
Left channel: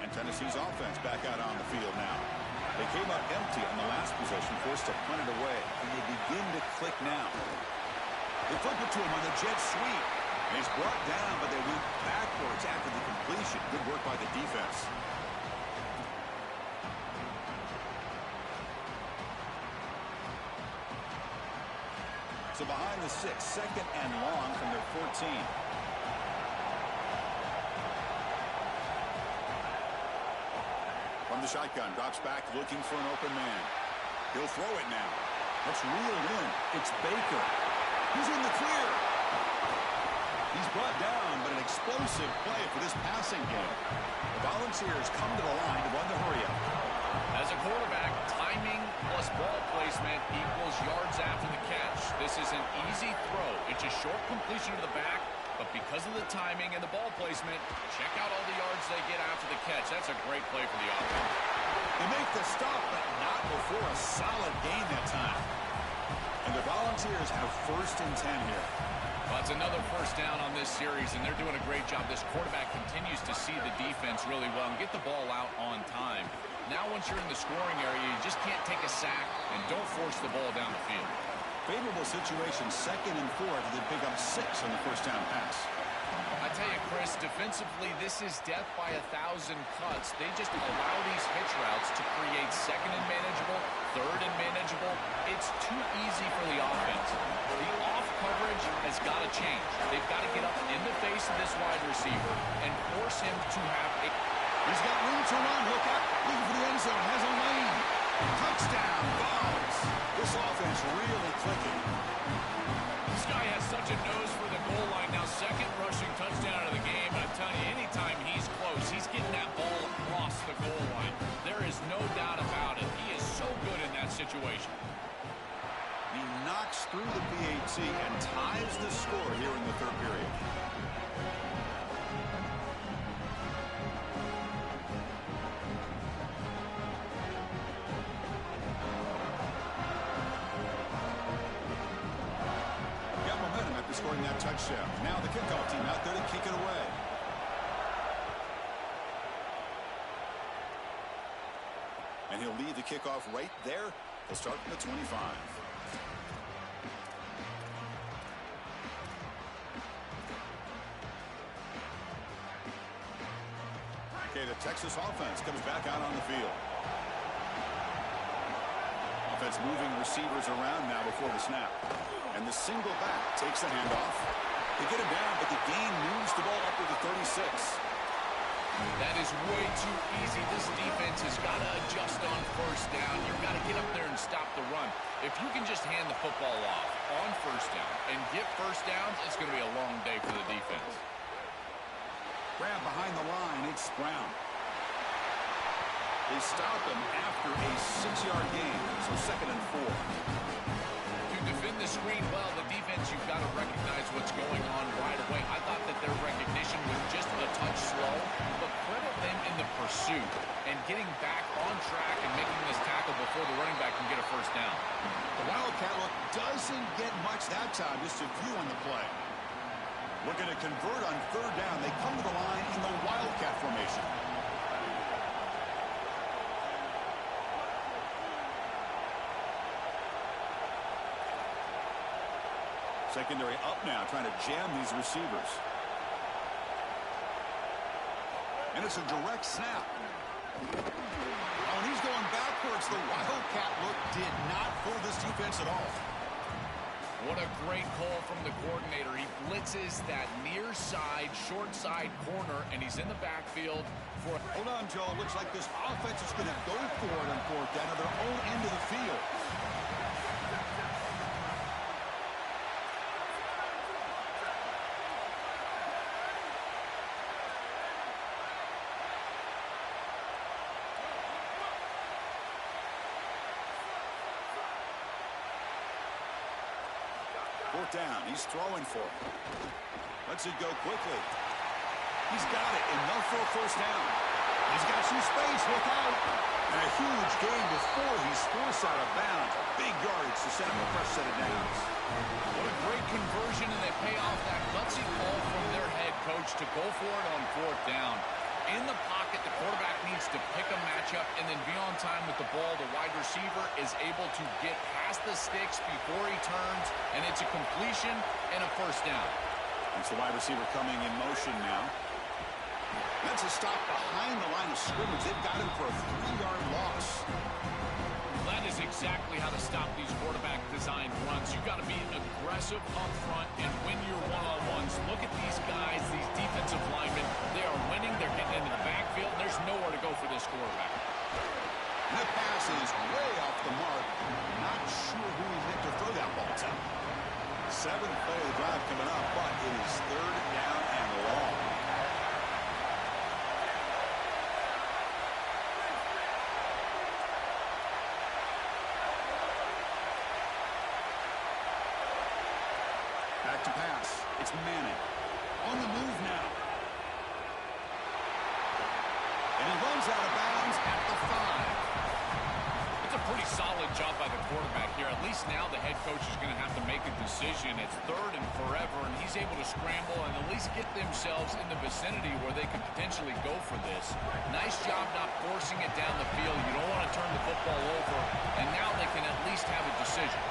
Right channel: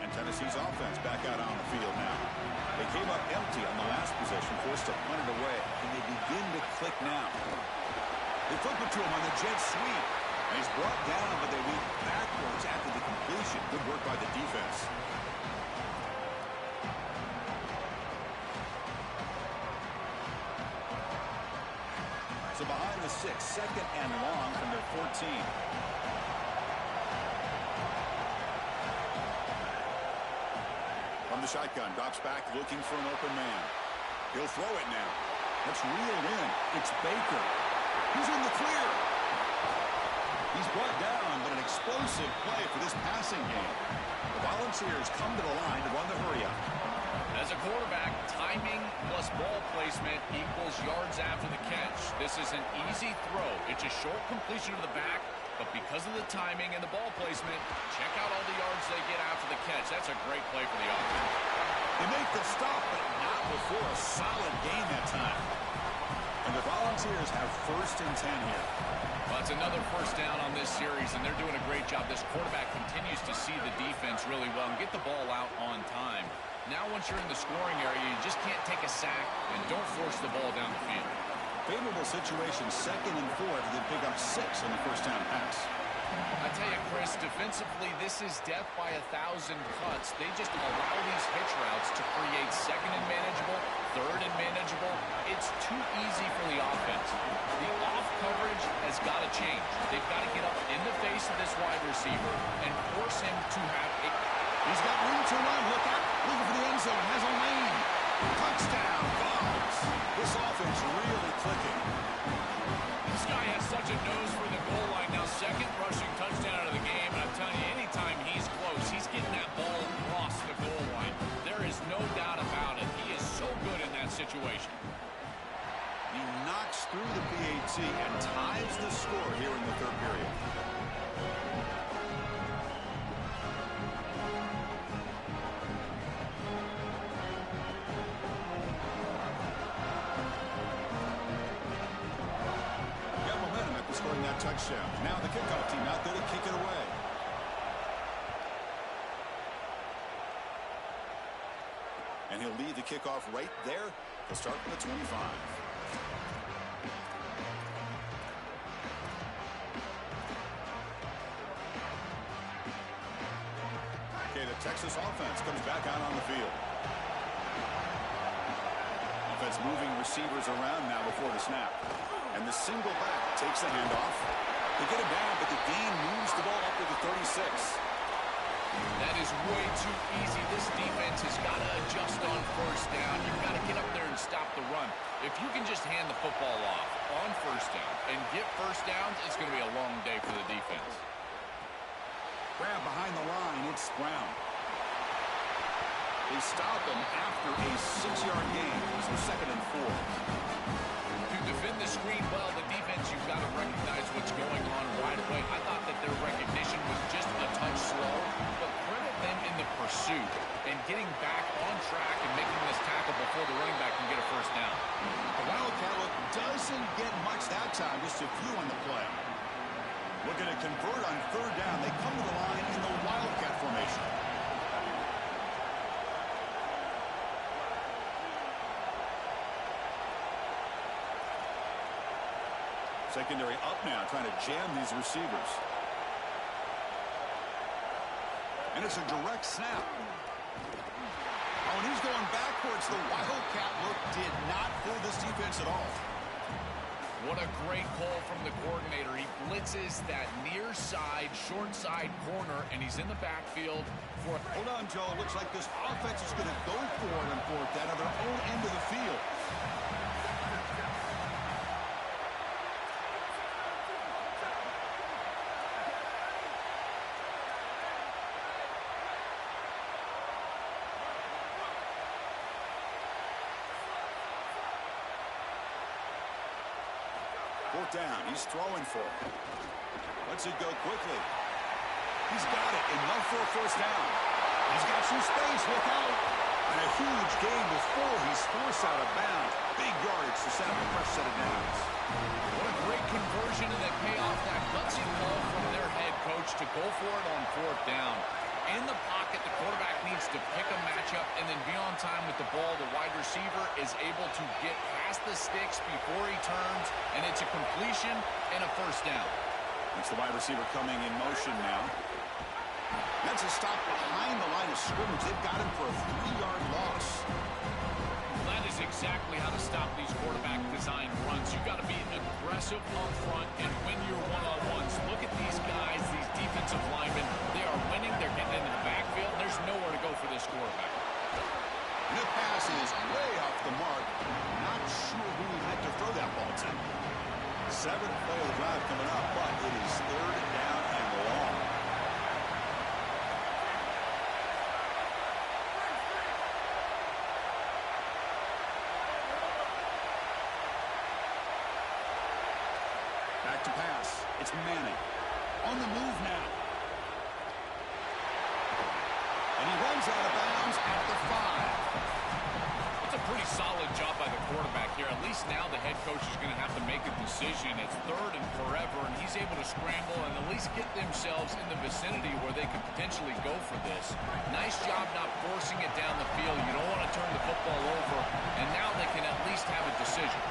And Tennessee's offense back out on the field now. They came up empty on the last possession, forced to punt it away. And they begin to click now. They flip it to him on the jet sweep. And he's brought down, but they went backwards after the completion. Good work by the defense. So behind the 6, 2nd and long from their 14. From the shotgun, drops back looking for an open man. He'll throw it now. That's reeled in. It's Baker. He's in the clear. He's brought down, but an explosive play for this passing game. The Volunteers come to the line to run the hurry-up. As a quarterback, timing plus ball placement equals yards after the catch. This is an easy throw. It's a short completion to the back, but because of the timing and the ball placement, check out all the yards they get after the catch. That's a great play for the offense. They make the stop, but not before a solid gain that time. And the Volunteers have 1st and 10 here. Well, it's another first down on this series, and they're doing a great job. This quarterback continues to see the defense really well and get the ball out on time. Now, once you're in the scoring area, you just can't take a sack and don't force the ball down the field. Favorable situation, 2nd and 4, they pick up 6 on the first down pass. I tell you, Chris, defensively, this is death by 1,000 cuts. They just allow these hitch routes to create 2nd and manageable, 3rd and manageable. It's too easy for the offense. The off coverage has got to change. They've got to get up in the face of this wide receiver and force him to have a... He's got room to run. Look out. Looking for the end zone. Has a lane. Touchdown, Vols. This offense really clicking. This guy has such a nose for the goal line. Now, 2nd rushing touchdown of the game. And I'm telling you, anytime he's close, he's getting that ball across the goal line. There is no doubt about it. He is so good in that situation. He knocks through the PAT and ties the score here in the 3rd period. return that touchdown. Now the kickoff team out there to kick it away. And he'll leave the kickoff right there. He'll start from the 25. Okay, the Texas offense comes back out on the field. Offense moving receivers around now before the snap. And the single back takes the handoff. They get him down, but the gain moves the ball up to the 36. That is way too easy. This defense has got to adjust on first down. You've got to get up there and stop the run. If you can just hand the football off on first down and get first downs, it's going to be a long day for the defense. Grab behind the line. It's Brown. They stop him after a 6-yard gain, so 2nd and 4. To defend the screen well, the defense, you've got to recognize what's going on right away. I thought that their recognition was just a touch slow, but credit them in the pursuit and getting back on track and making this tackle before the running back can get a first down. The Wildcat look doesn't get much that time, just a few on the play. Looking to convert on 3rd down. They come to the line in the Wildcat formation. Secondary up now, trying to jam these receivers. And it's a direct snap. Oh, and he's going backwards. The Wildcat look did not fool this defense at all. What a great call from the coordinator. He blitzes that near side, short side corner, and he's in the backfield for... Hold on, Joe. Looks like this offense is going to go for it on 4th down at their own end of the field. Down. He's throwing for it. Lets it go quickly. He's got it. Enough for a first down. He's got some space. Look out. And a huge gain before he's forced out of bounds. Big yardage to set up a fresh set of downs. What a great conversion, and they pay off that gutsy call from their head coach to go for it on 4th down. In the pocket, the quarterback needs to pick a matchup and then be on time with the ball. The wide receiver is able to get past the sticks before he turns, and it's a completion and a first down. That's the wide receiver coming in motion now. That's a stop behind the line of scrimmage. They've got him for a 3-yard loss. That is exactly how to stop these quarterback-designed runs. You've got to be aggressive up front and win your one-on-ones. Look at these guys, these defensive linemen. They are winning. They're getting into the backfield. There's nowhere to go for this quarterback. And the pass is way off the mark. Not sure who he meant to throw that ball to. 7th play of the drive coming up, but it is 3rd down and long. Back to pass. It's Manning. On the move now. And he runs out of bounds at the 5. It's a pretty solid job by the quarterback here. At least now the head coach is going to have to make a decision. It's 3rd and forever, and he's able to scramble and at least get themselves in the vicinity where they could potentially go for this. Nice job not forcing it down the field. You don't want to turn the football over, and now they can at least have a decision.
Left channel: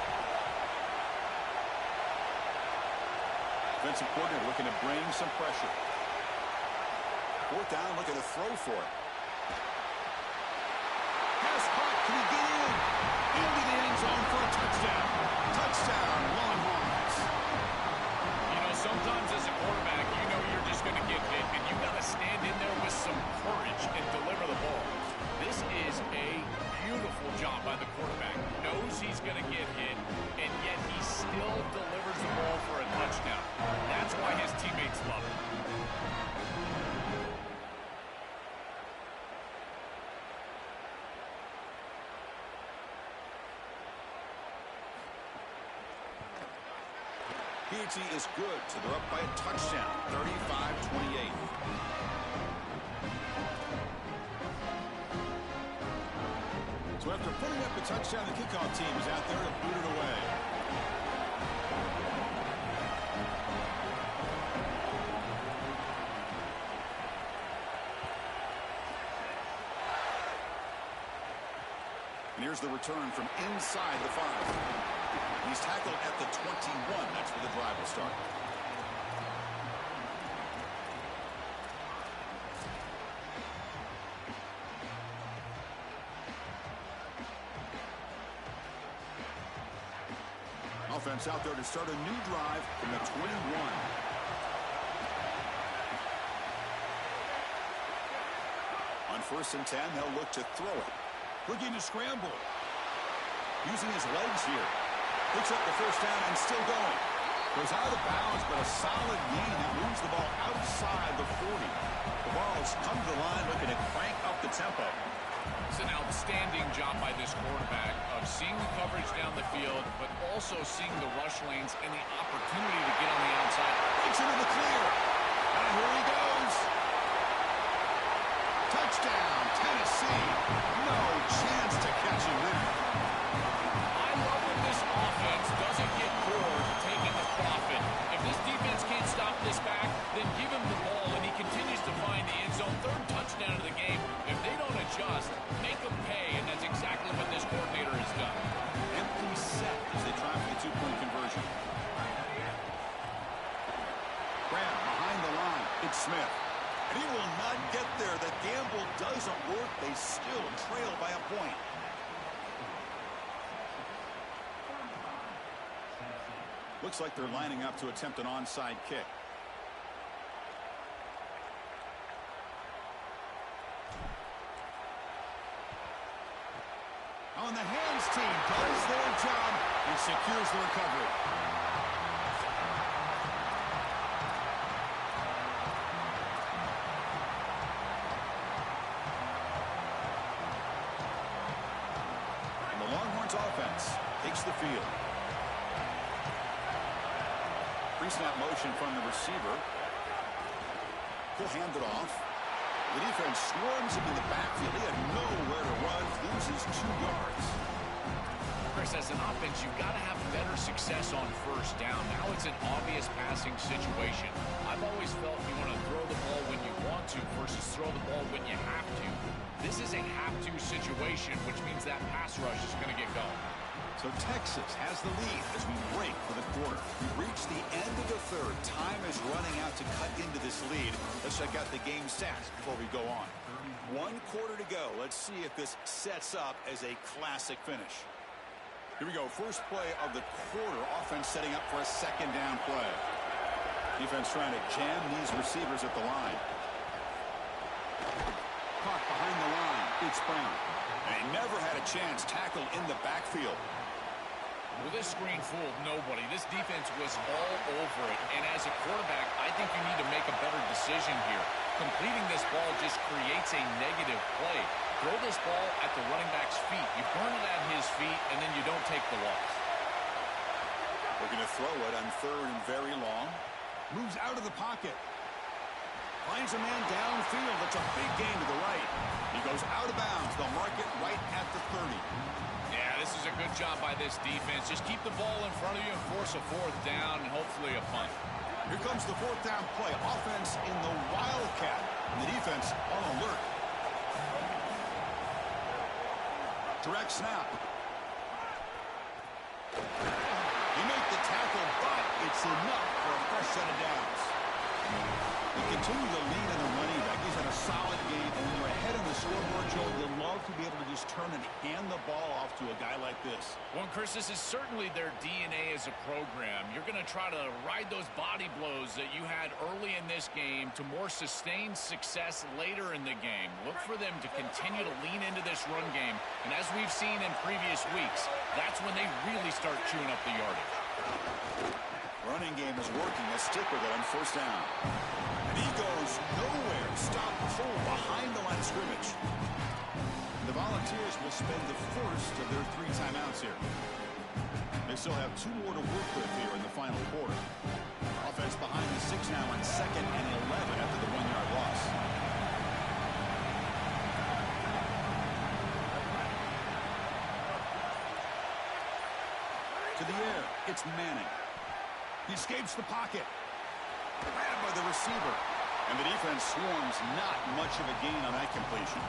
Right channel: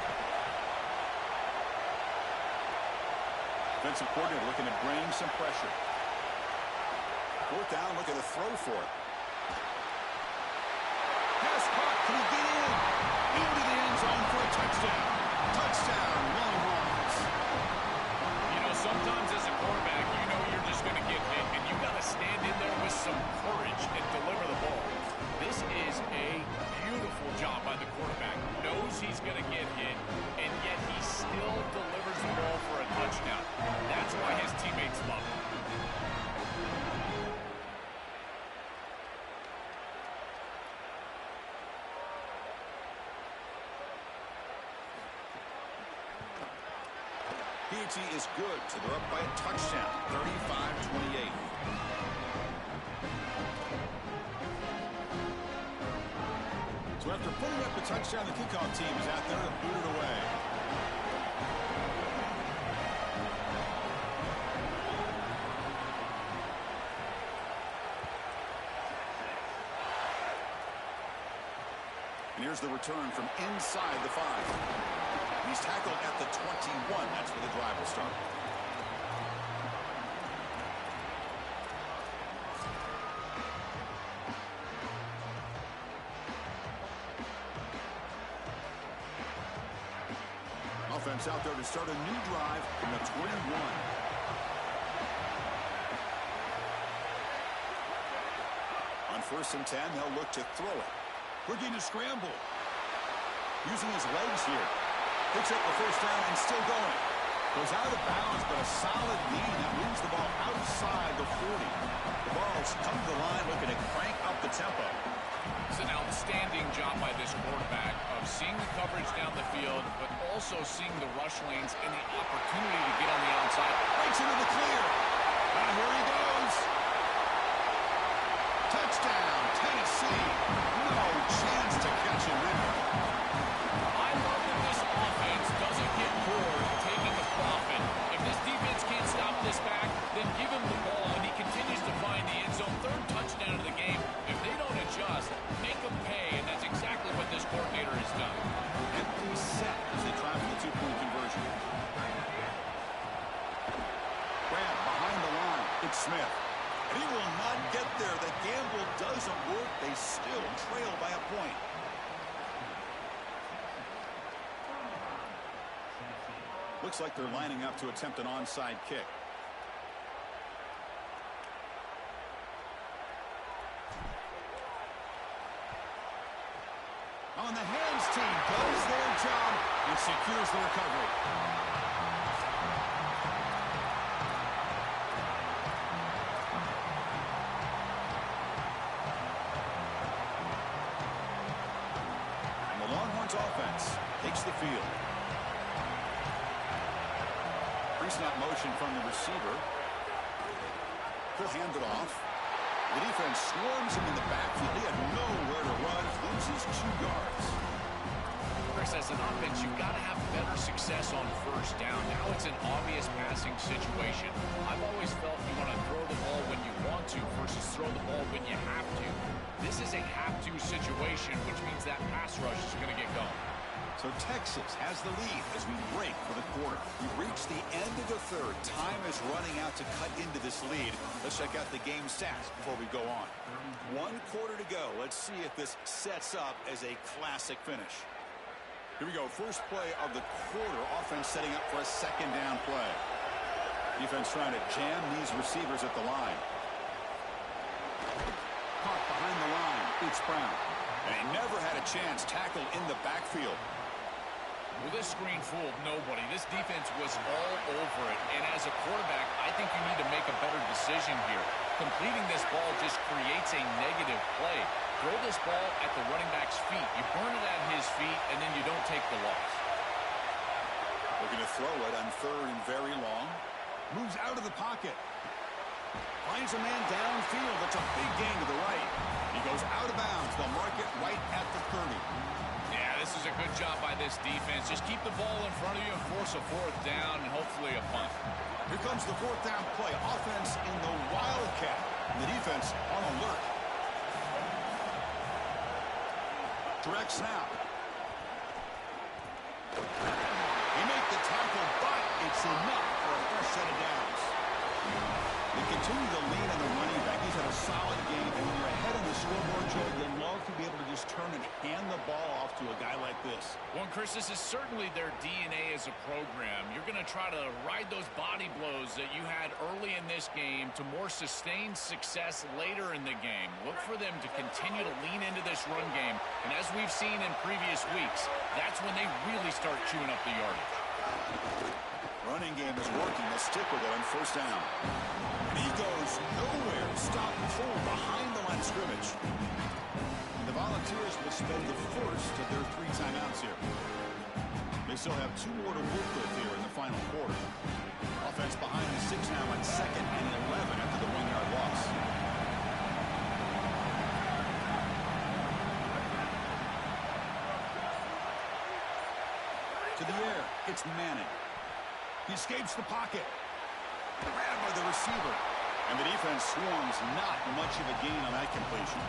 Defensive coordinator looking to bring some pressure. 4th down, looking to throw for it. Pass caught. Can he get in? Into the end zone for a touchdown. Touchdown, Longhorns. You know, sometimes as a quarterback, you know you're just going to get hit, and you got to stand in there with some courage and deliver the ball. This is a beautiful job by the quarterback. Knows he's going to get hit, and yet he still delivers the ball for a touchdown. That's why his teammates love him. PAT is good, so they're up by a touchdown, 35-28. So after putting up the touchdown, the kickoff team is out there to boot it away. here's the return from inside the 5. He's tackled at the 21. That's where the drive will start. Offense out there to start a new drive from the 21. On 1st and 10, they'll look to throw it. Looking to scramble. Using his legs here. Picks up the 1st down and still going. Goes out of bounds, but a solid gain that moves the ball outside the 40. The Vols come to the line looking to crank up the tempo. It's an outstanding job by this quarterback of seeing the coverage down the field, but also seeing the rush lanes and the opportunity to get on the outside. Breaks into the clear. And here he goes. Touchdown, Tennessee. No chance to catch him there. I love that this offense doesn't get bored taking the profit. If this defense can't stop this back, then give him the ball, and he continues to find the end zone. 3rd touchdown of the game. If they don't adjust, make them pay, and that's exactly what this coordinator has done. Empty set as they try for the 2-point conversion. Grab behind the line. It's Smith. And he will not get there. The gamble doesn't work. They still trail by a point. Looks like they're lining up to attempt an onside kick. On the hands team does their job and secures the recovery. And the Longhorns offense takes the field. Pre-snap motion from the receiver. He'll hand it off. The defense swarms him in the backfield. He had nowhere to run. Loses 2 yards. Chris, as an offense, you've got to have better success on 1st down. Now it's an obvious passing situation. I've always felt you want to throw the ball when you want to versus throw the ball when you have to. This is a have-to situation, which means that pass rush is going to get going. So Texas has the lead as we break for the quarter. We reach the end of the 3rd. Time is running out to cut into this lead. Let's check out the game stats before we go on. 1 quarter to go. Let's see if this sets up as a classic finish. Here we go. First play of the quarter. Offense setting up for a 2nd down play. Defense trying to jam these receivers at the line. Caught behind the line. It's Brown. And he never had a chance. Tackled in the backfield. Well, this screen fooled nobody. This defense was all over it. And as a quarterback, I think you need to make a better decision here. Completing this ball just creates a negative play. Throw this ball at the running back's feet. You burn it at his feet, and then you don't take the loss. Looking to throw it on 3rd and very long. Moves out of the pocket. Finds a man downfield. That's a big gain to the right. He goes out of bounds. They'll mark it right at the 30. Yeah, this is a good job by this defense. Just keep the ball in front of you and force a 4th down and hopefully a punt. Here comes the 4th down play. Offense in the Wildcat. And the defense on alert. Direct snap. He made the tackle, but it's enough for a fresh set of downs. They continue to lean on the running back. He's had a solid game, and when you're ahead on the scoreboard, Joe, you'll love to be able to just turn and hand the ball off to a guy like this. Well, Chris, this is certainly their DNA as a program. You're going to try to ride those body blows that you had early in this game to more sustained success later in the game. Look for them to continue to lean into this run game, and as we've seen in previous weeks, that's when they really start chewing up the yardage. Running game is working. They'll stick with it on 1st down. And he goes nowhere. Stop pull behind the line of scrimmage. And the Volunteers will spend the 1st of their 3 timeouts here. They still have 2 more to work with here in the final quarter. Offense behind the 6 now on 2nd and 11 after the 1-yard loss. To the air. It's Manning. He escapes the pocket. Grabbed by the receiver. And the defense swarms. Not much of a gain on that completion.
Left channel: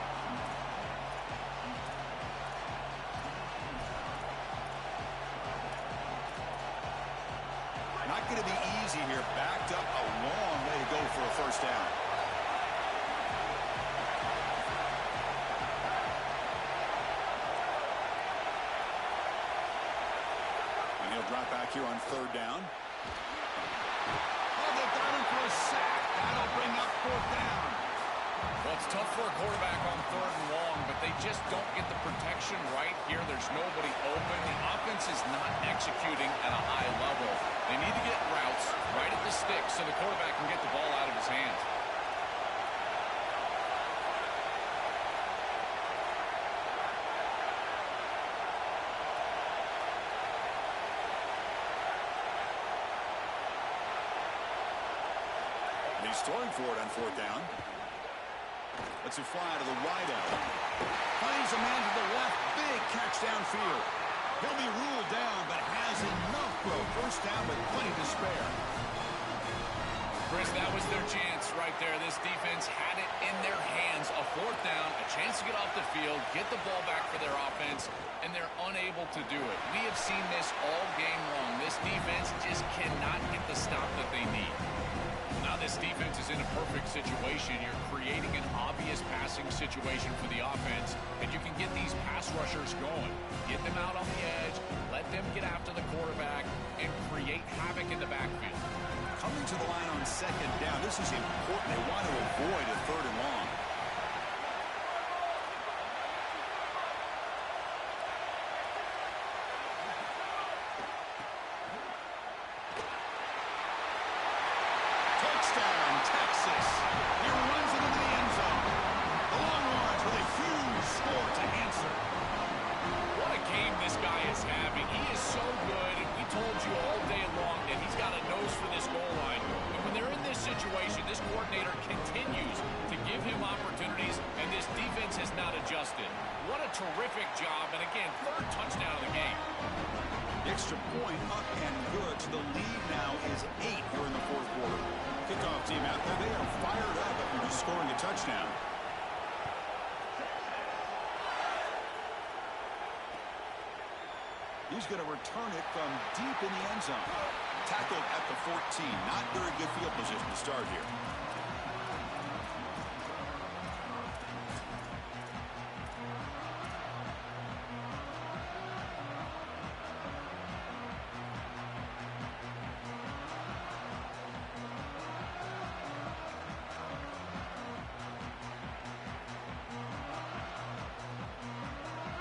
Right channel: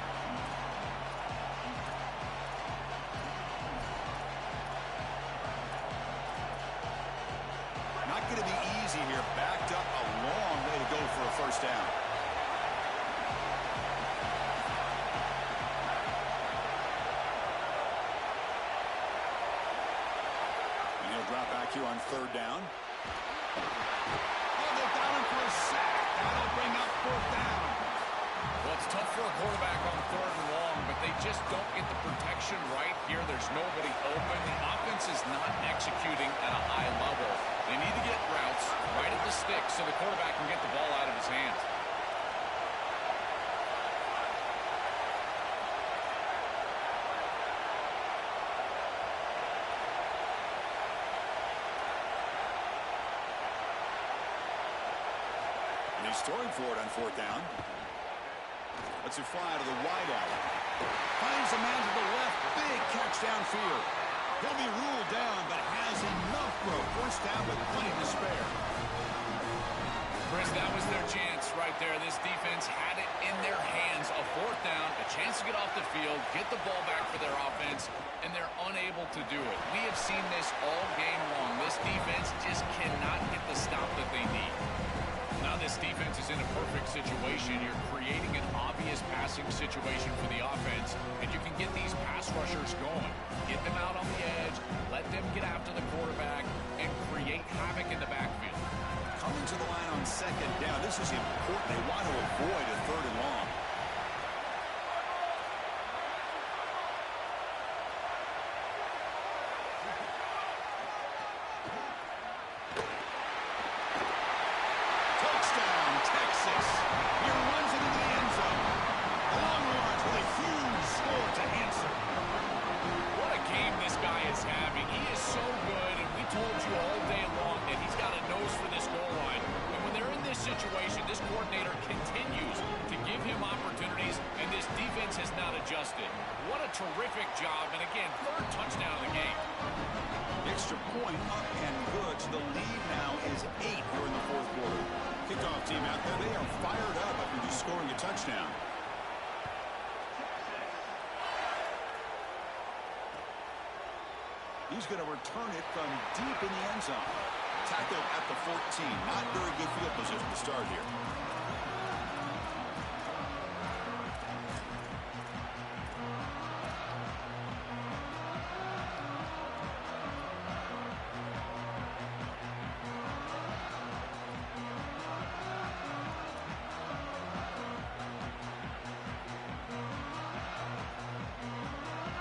going to be easy here. Backed up a long way to go for a first down. And he'll drop back here on third down. Oh, they've got him for a sack. That'll bring up fourth down. Well, it's tough for a quarterback on third and long, but they just don't get the protection right here. There's nobody open. The offense is not executing at a high level. They need to get routes right at the stick so the quarterback can get the ball out of his hands. And he's throwing for it on fourth down. Lets it fly to the wideout. Finds a man to the left. Big catch downfield. He'll be ruled down, but has enough for a first down with plenty to spare. Chris, that was their chance right there. This defense had it in their hands. A fourth down, a chance to get off the field, get the ball back for their offense, and they're unable to do it. We have seen this all game long. This defense just cannot get the stop that they need. Now this defense is in a perfect situation. You're creating an obvious passing situation for the offense, and you can get these pass rushers going. Get them out on the edge, let them get after the quarterback, and create havoc in the backfield. Coming to the line on second down. This is important. They want to avoid a third and long. Touchdown, Texas. He runs it into the end zone. The Longhorns with a huge score to answer. What a game this guy is having. He is so good, and we told you all day long that he's got a nose for this goal line. And when they're in this situation, this coordinator continues to give him opportunities, and this defense has not adjusted. What a terrific job, and again, third touchdown of the game. Extra point up and good. So the lead now is 8 here in the fourth quarter. Kickoff team out there. They are fired up after just scoring a touchdown. He's going to return it from deep in the end zone. Tackled at the 14. Not very good field position to start here.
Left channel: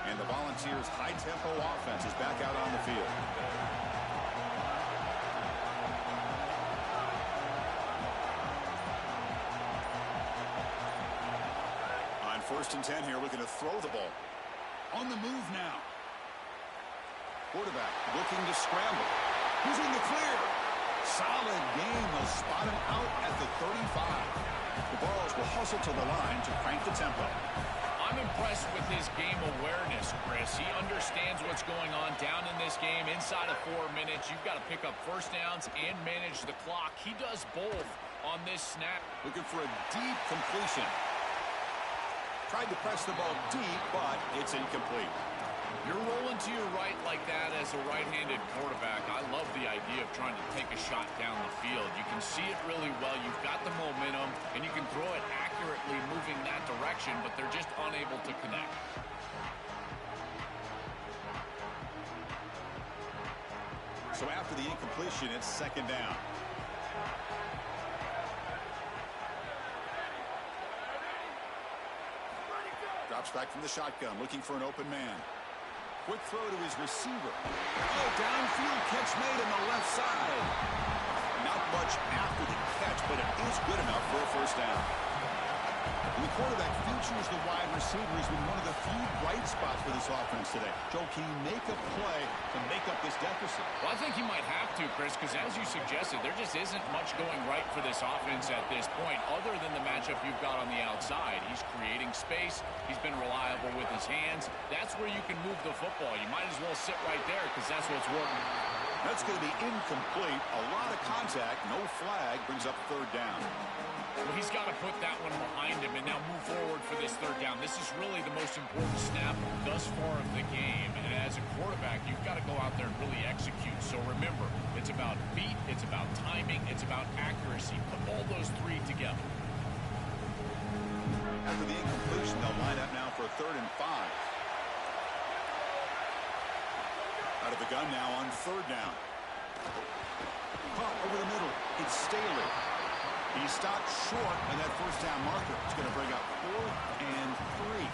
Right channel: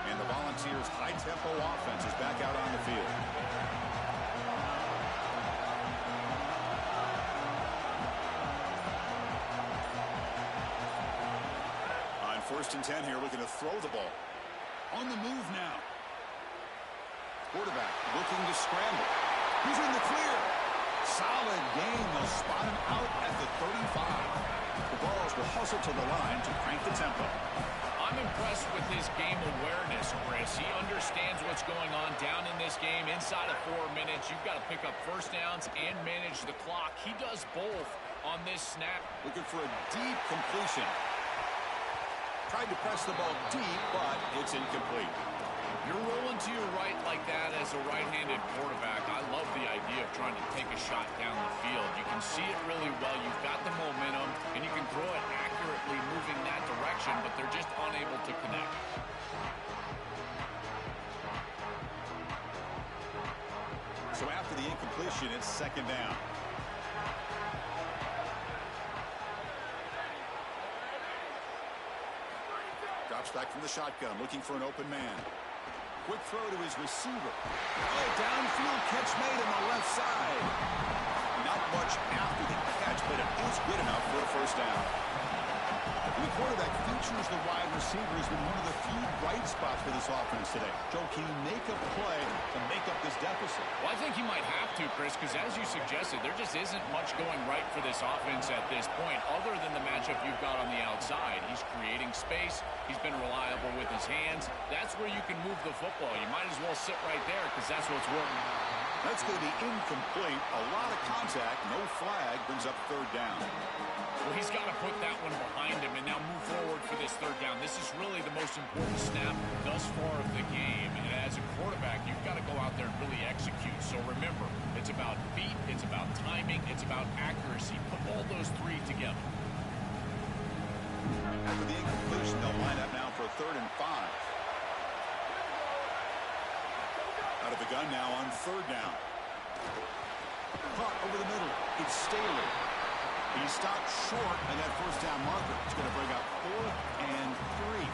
And the Volunteers' high-tempo offense is back out on the field. On 1st and 10 here, looking to throw the ball. On the move now. Quarterback looking to scramble. He's in the clear. Solid game. They'll spot him out at the 35. The Balls will hustle to the line to crank the tempo. I'm impressed with his game awareness, Chris. He understands what's going on down in this game. Inside of 4 minutes, you've got to pick up first downs and manage the clock. He does both on this snap. Looking for a deep completion. Tried to press the ball deep, but it's incomplete. You're rolling to your right like that as a right-handed quarterback. I love the idea of trying to take a shot down the field. You can see it really well. You've got the momentum, and you can throw it accurately moving that direction, but they're just unable to connect. So after the incompletion, it's second down. Drops back from the shotgun, looking for an open man. Quick throw to his receiver. Oh, downfield catch made on the left side. Not much after the catch, but it is good enough for a first down. And the quarterback features the wide receiver has been one of the few bright spots for this offense today. Joe, can he make a play to make up this deficit? Well, I think he might have to, Chris, because as you suggested, there just isn't much going right for this offense at this point, other than the matchup you've got on the outside. He's creating space. He's been reliable with his hands. That's where you can move the football. You might as well sit right there because that's what's working. That's going to be incomplete. A lot of contact. No flag. Brings up third down. Well, he's got to put that one behind him and now move forward for this third down. This is really the most important snap thus far of the game. And as a quarterback, you've got to go out there and really execute. So remember, it's about feet, it's about timing, it's about accuracy. Put all those three together. After the incompletion, they'll line up now for a 3rd and 5. Out of the gun now on 3rd down. Caught over the middle. It's Staley. He stopped short, and that 1st down marker is going to bring up 4th and 3.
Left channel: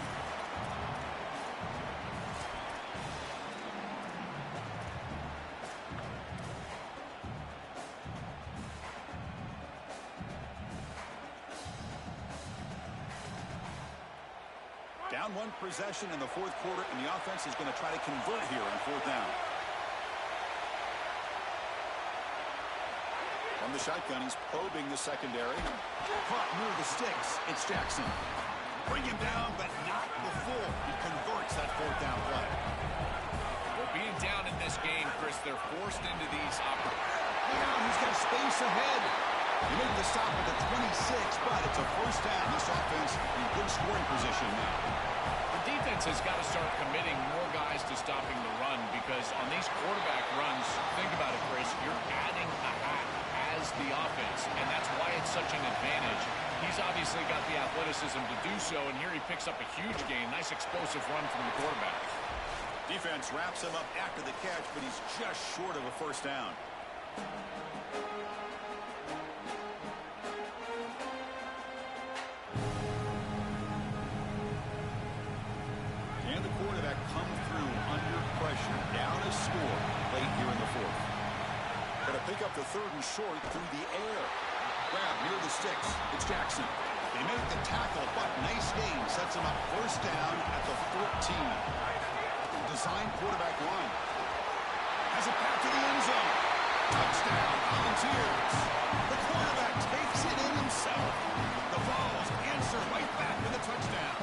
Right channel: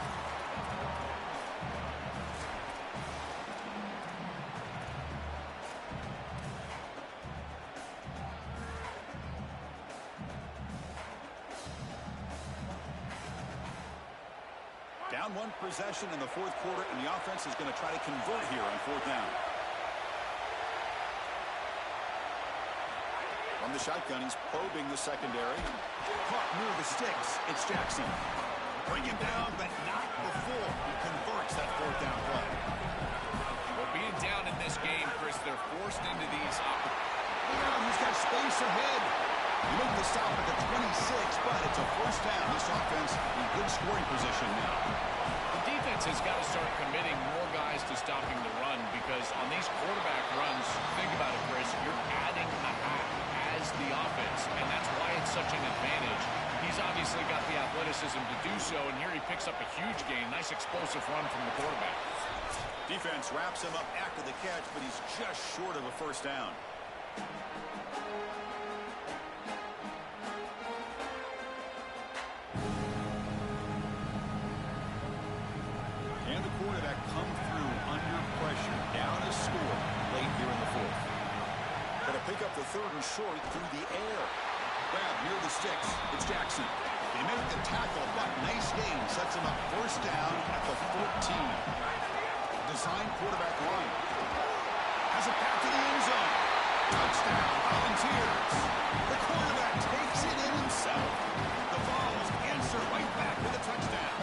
Down 1 possession in the 4th quarter, and the offense is going to try to convert here on 4th down. From the shotgun, he's probing the secondary. Caught near the sticks. It's Jackson. Bring him down, but not before he converts that 4th down play. Well, being down in this game, Chris, they're forced into these opportunities. Look out, he's got space ahead. You make the stop at the 26, but it's a 1st down. This offense in good scoring position now. The defense has got to start committing more guys to stopping the run, because on these quarterback runs, think about it, Chris, you're adding a hat as the offense, and that's why it's such an advantage. He's obviously got the athleticism to do so, and here he picks up a huge gain. Nice explosive run from the quarterback. Defense wraps him up after the catch, but he's just short of a 1st down. Can the quarterback come through under pressure? Down a score late here in the 4th. Going to pick up the 3rd and short through the air. Grab near the sticks. It's Jackson. They make the tackle, but nice gain. Sets him up 1st down at the 14. Design quarterback run. Has a path to the end zone. Touchdown, Volunteers. The quarterback takes it in himself. The Vols answer right back with a touchdown.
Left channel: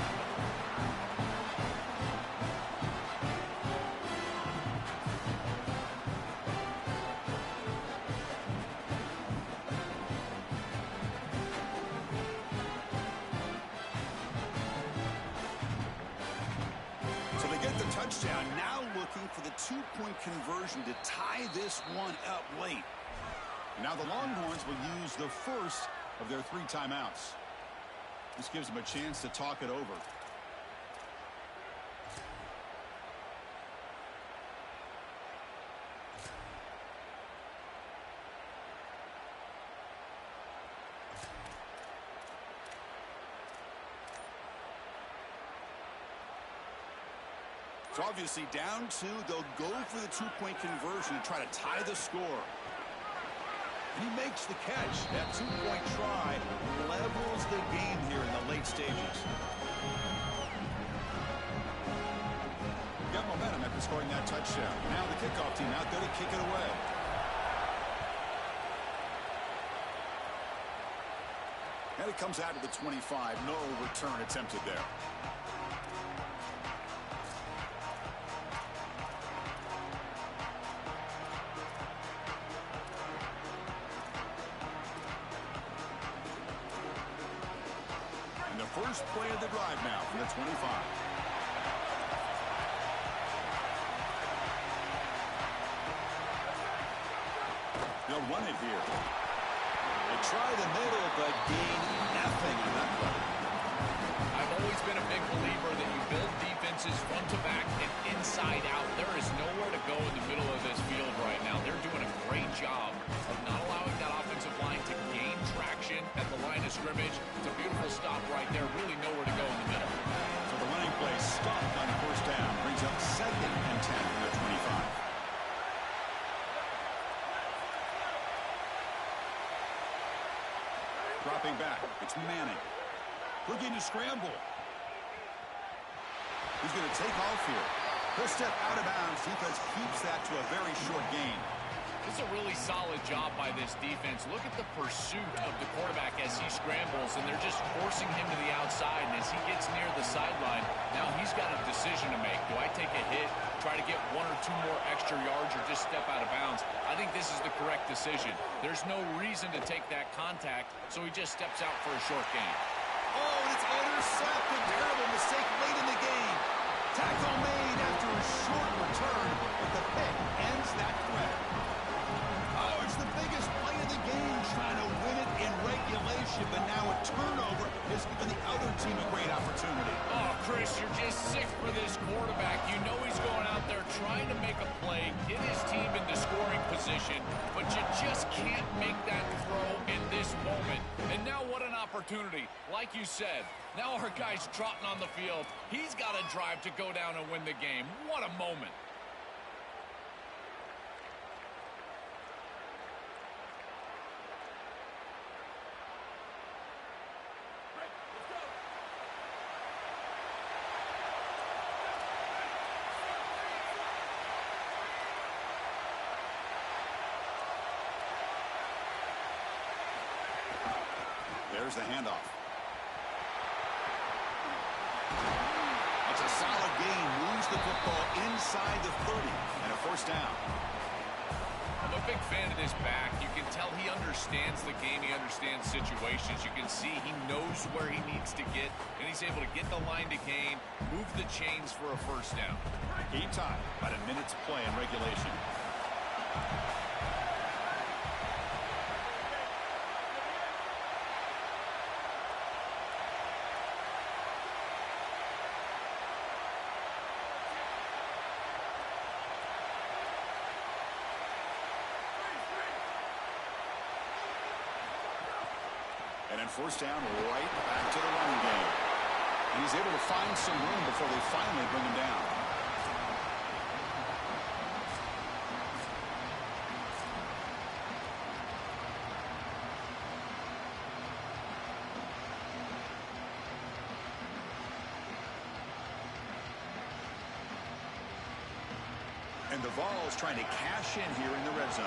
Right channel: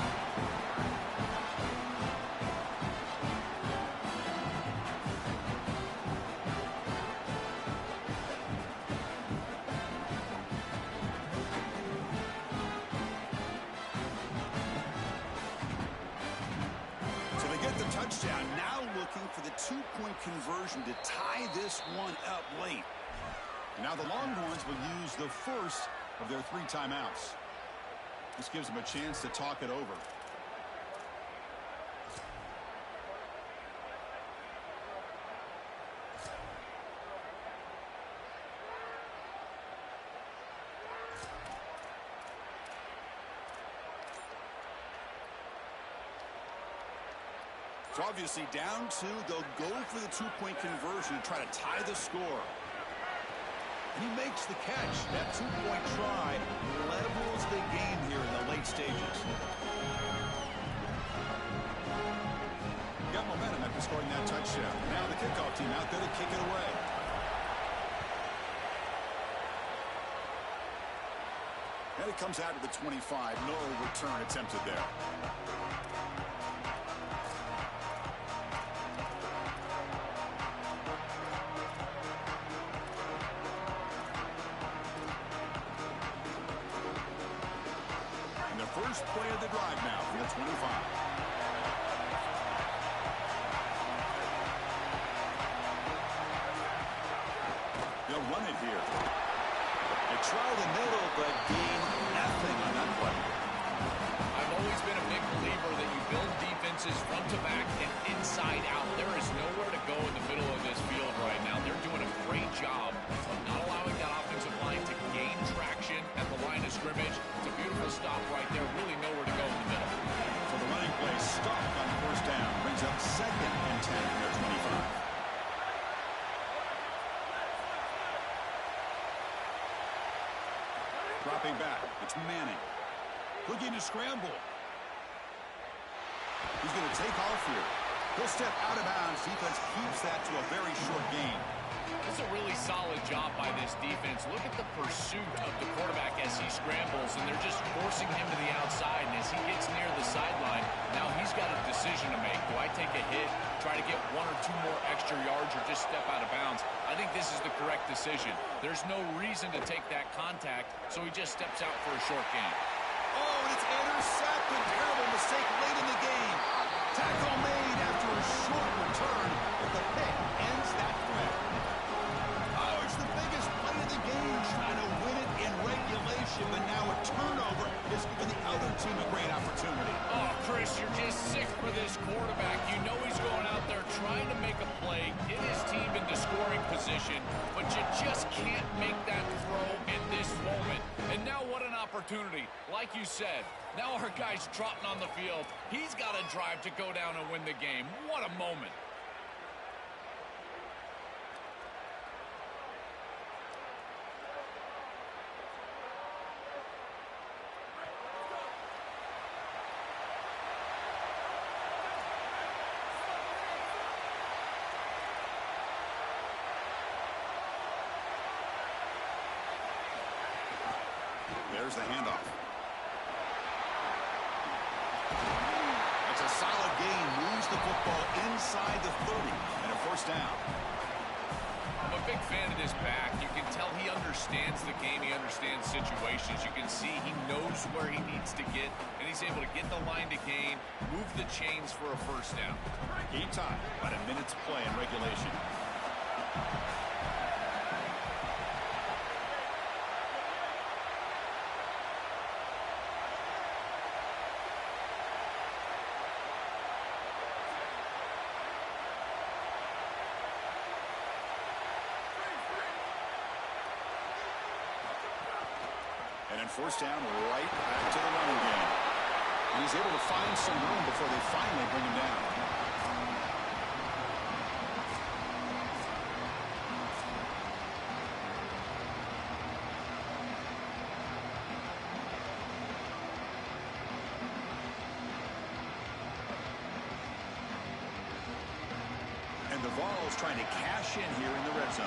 The touchdown, now looking for the 2-point conversion to tie this one up late. And now the Longhorns will use the 1st of their 3 timeouts. This gives them a chance to talk it over. It's obviously down 2. They'll go for the 2-point conversion to try to tie the score. And he makes the catch. That 2-point try levels the game here in the late stages. Got momentum after scoring that touchdown. Now the kickoff team out there to kick it away. And it comes out of the 25. No return attempted there. First play of the drive now from the 25. They'll run it here. They try the middle, but gain nothing on that play. I've always been a big believer that you build defenses front to back and inside out. There is nowhere to go in the middle of this field right now. They're doing a great job of not allowing that offensive line to gain traction at the line of scrimmage. It's a beautiful stop right there. Really nowhere to go in the middle. So the running play stopped on 1st down. Brings up 2nd and 10 from their 25. Dropping back. It's Manning. Looking to scramble. He's going to take off here. He'll step out of bounds. Defense keeps that to a very short gain. This is a really solid job by this defense. Look at the pursuit of the quarterback as he scrambles, and they're just forcing him to the outside. And as he gets near the sideline, now he's got a decision to make. Do I take a hit, try to get 1 or 2 more extra yards, or just step out of bounds? I think this is the correct decision. There's no reason to take that contact, so he just steps out for a short gain. Oh, and it's intercepted. Terrible mistake late in the game. Tackle made after a short return, but the pick ends that threat. Oh, it's the biggest play of the game, trying to win it in regulation, but now a turnover has given the other team a great opportunity. Oh, Chris, you're just sick for this quarterback. You know he's going out there trying to make a play, get his team into scoring position, but you just can't make that throw in this moment. And now what an opportunity. Like you said, now our guy's trotting on the field. He's got a drive to go down and win the game. What a moment. There's the handoff. It's a solid gain. Moves the football inside the 30 and a first down. I'm a big fan of this back. You can tell he understands the game. He understands situations. You can see he knows where he needs to get, and he's able to get the line to gain, move the chains for a first down. Game time. About a minute to play in regulation. And then first down, right back to the running game. And he's able to find some room before they finally bring him down. And the Vols trying to cash in here in the red zone.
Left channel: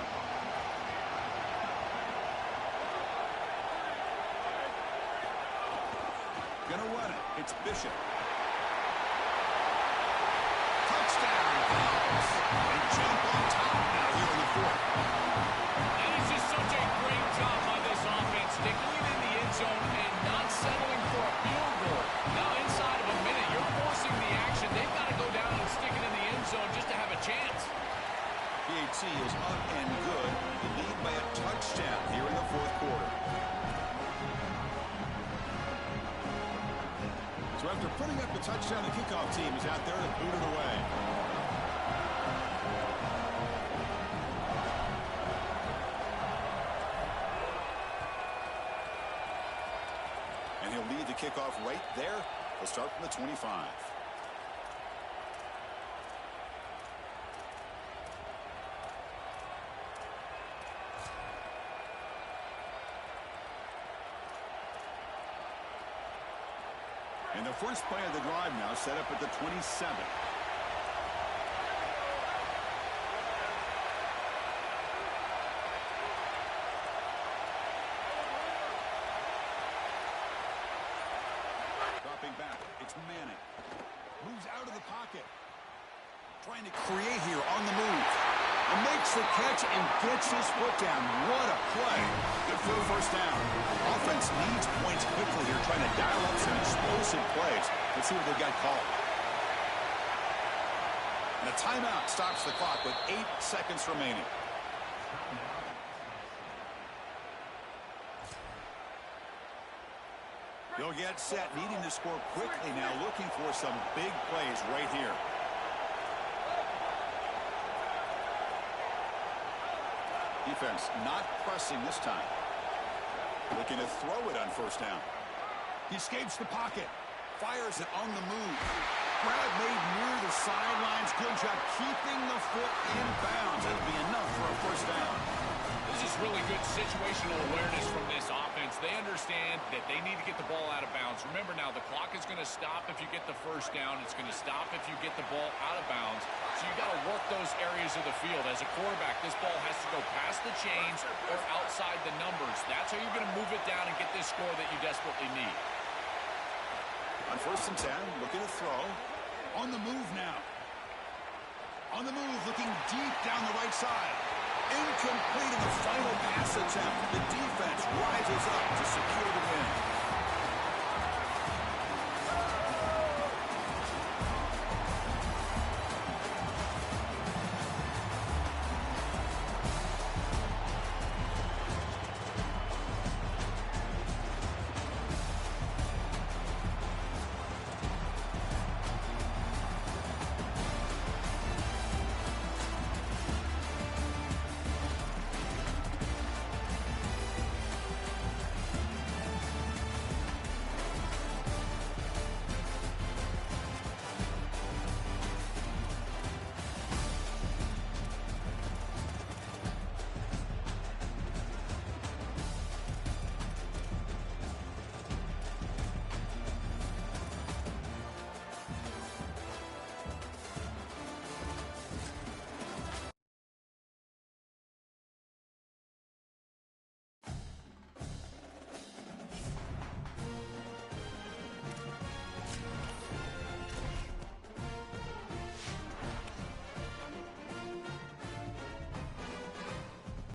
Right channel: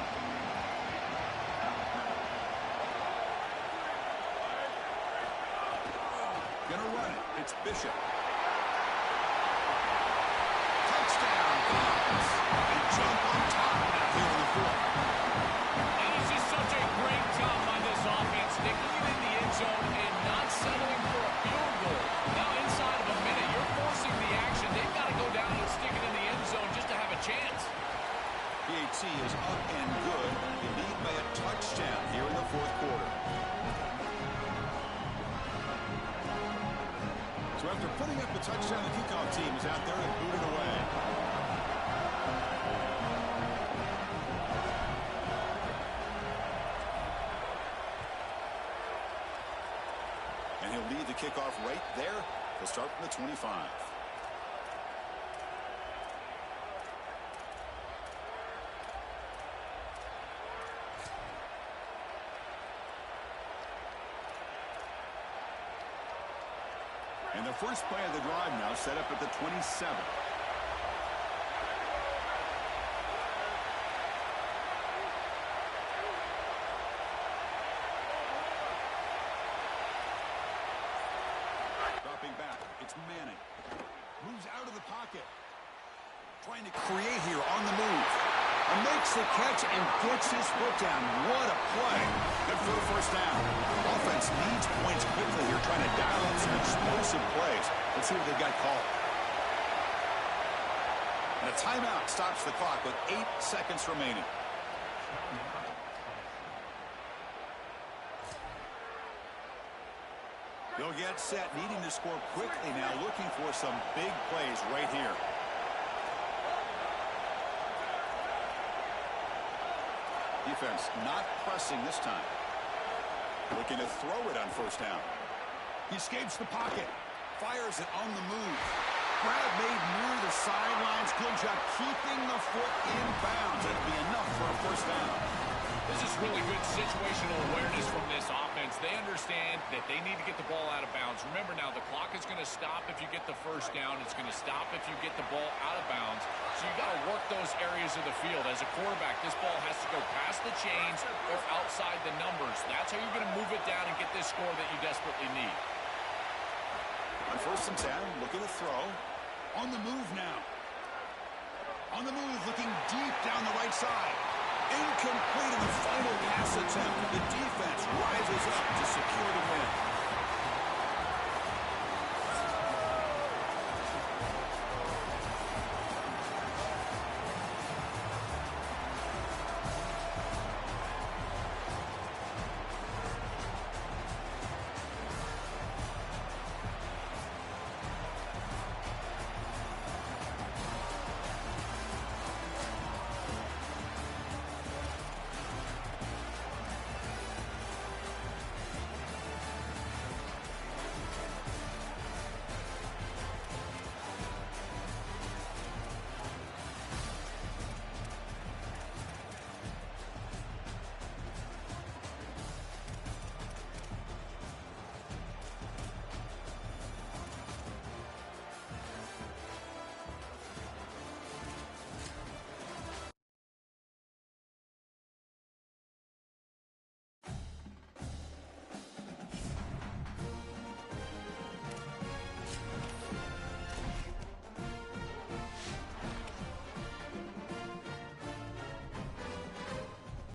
Gonna run it. It's Bishop. Touchdown, Vols. And jump on top now here in the fourth. And it's just such a great job by this offense, sticking it in the end zone and not settling for a field goal. Now inside of a minute, you're forcing the action. They've got to go down and stick it in the end zone just to have a chance. PAT is up and good. You lead by a touchdown here in the fourth quarter. So after putting up the touchdown, the kickoff team is out there to boot it away. And he'll lead the kickoff right there. He'll start from the 25. And the first play of the drive now set up at the 27. Dropping back. It's Manning. Moves out of the pocket. Trying to create here on the move. And makes the catch and gets his foot down. What a play. Good for the first down. Offense needs points quickly here, trying to dial up some explosive plays. Let's see what they've got called. And a timeout stops the clock with 8 seconds remaining. They'll get set, needing to score quickly now, looking for some big plays right here. Defense not pressing this time. Looking to throw it on first down. He escapes the pocket. Fires it on the move. Grab made near the sidelines. Good job keeping the foot in bounds. That'll be enough for a first down. This is really good situational awareness from this offense. defense, they understand that they need to get the ball out of bounds. Remember now, the clock is going to stop if you get the first down. It's going to stop if you get the ball out of bounds. So you got to work those areas of the field. As a quarterback, this ball has to go past the chains or outside the numbers. That's how you're going to move it down and get this score that you desperately need. On 1st and 10, looking to throw. On the move now. On the move, looking deep down the right side. Incomplete in the final pass attempt. The defense rises up to secure the win.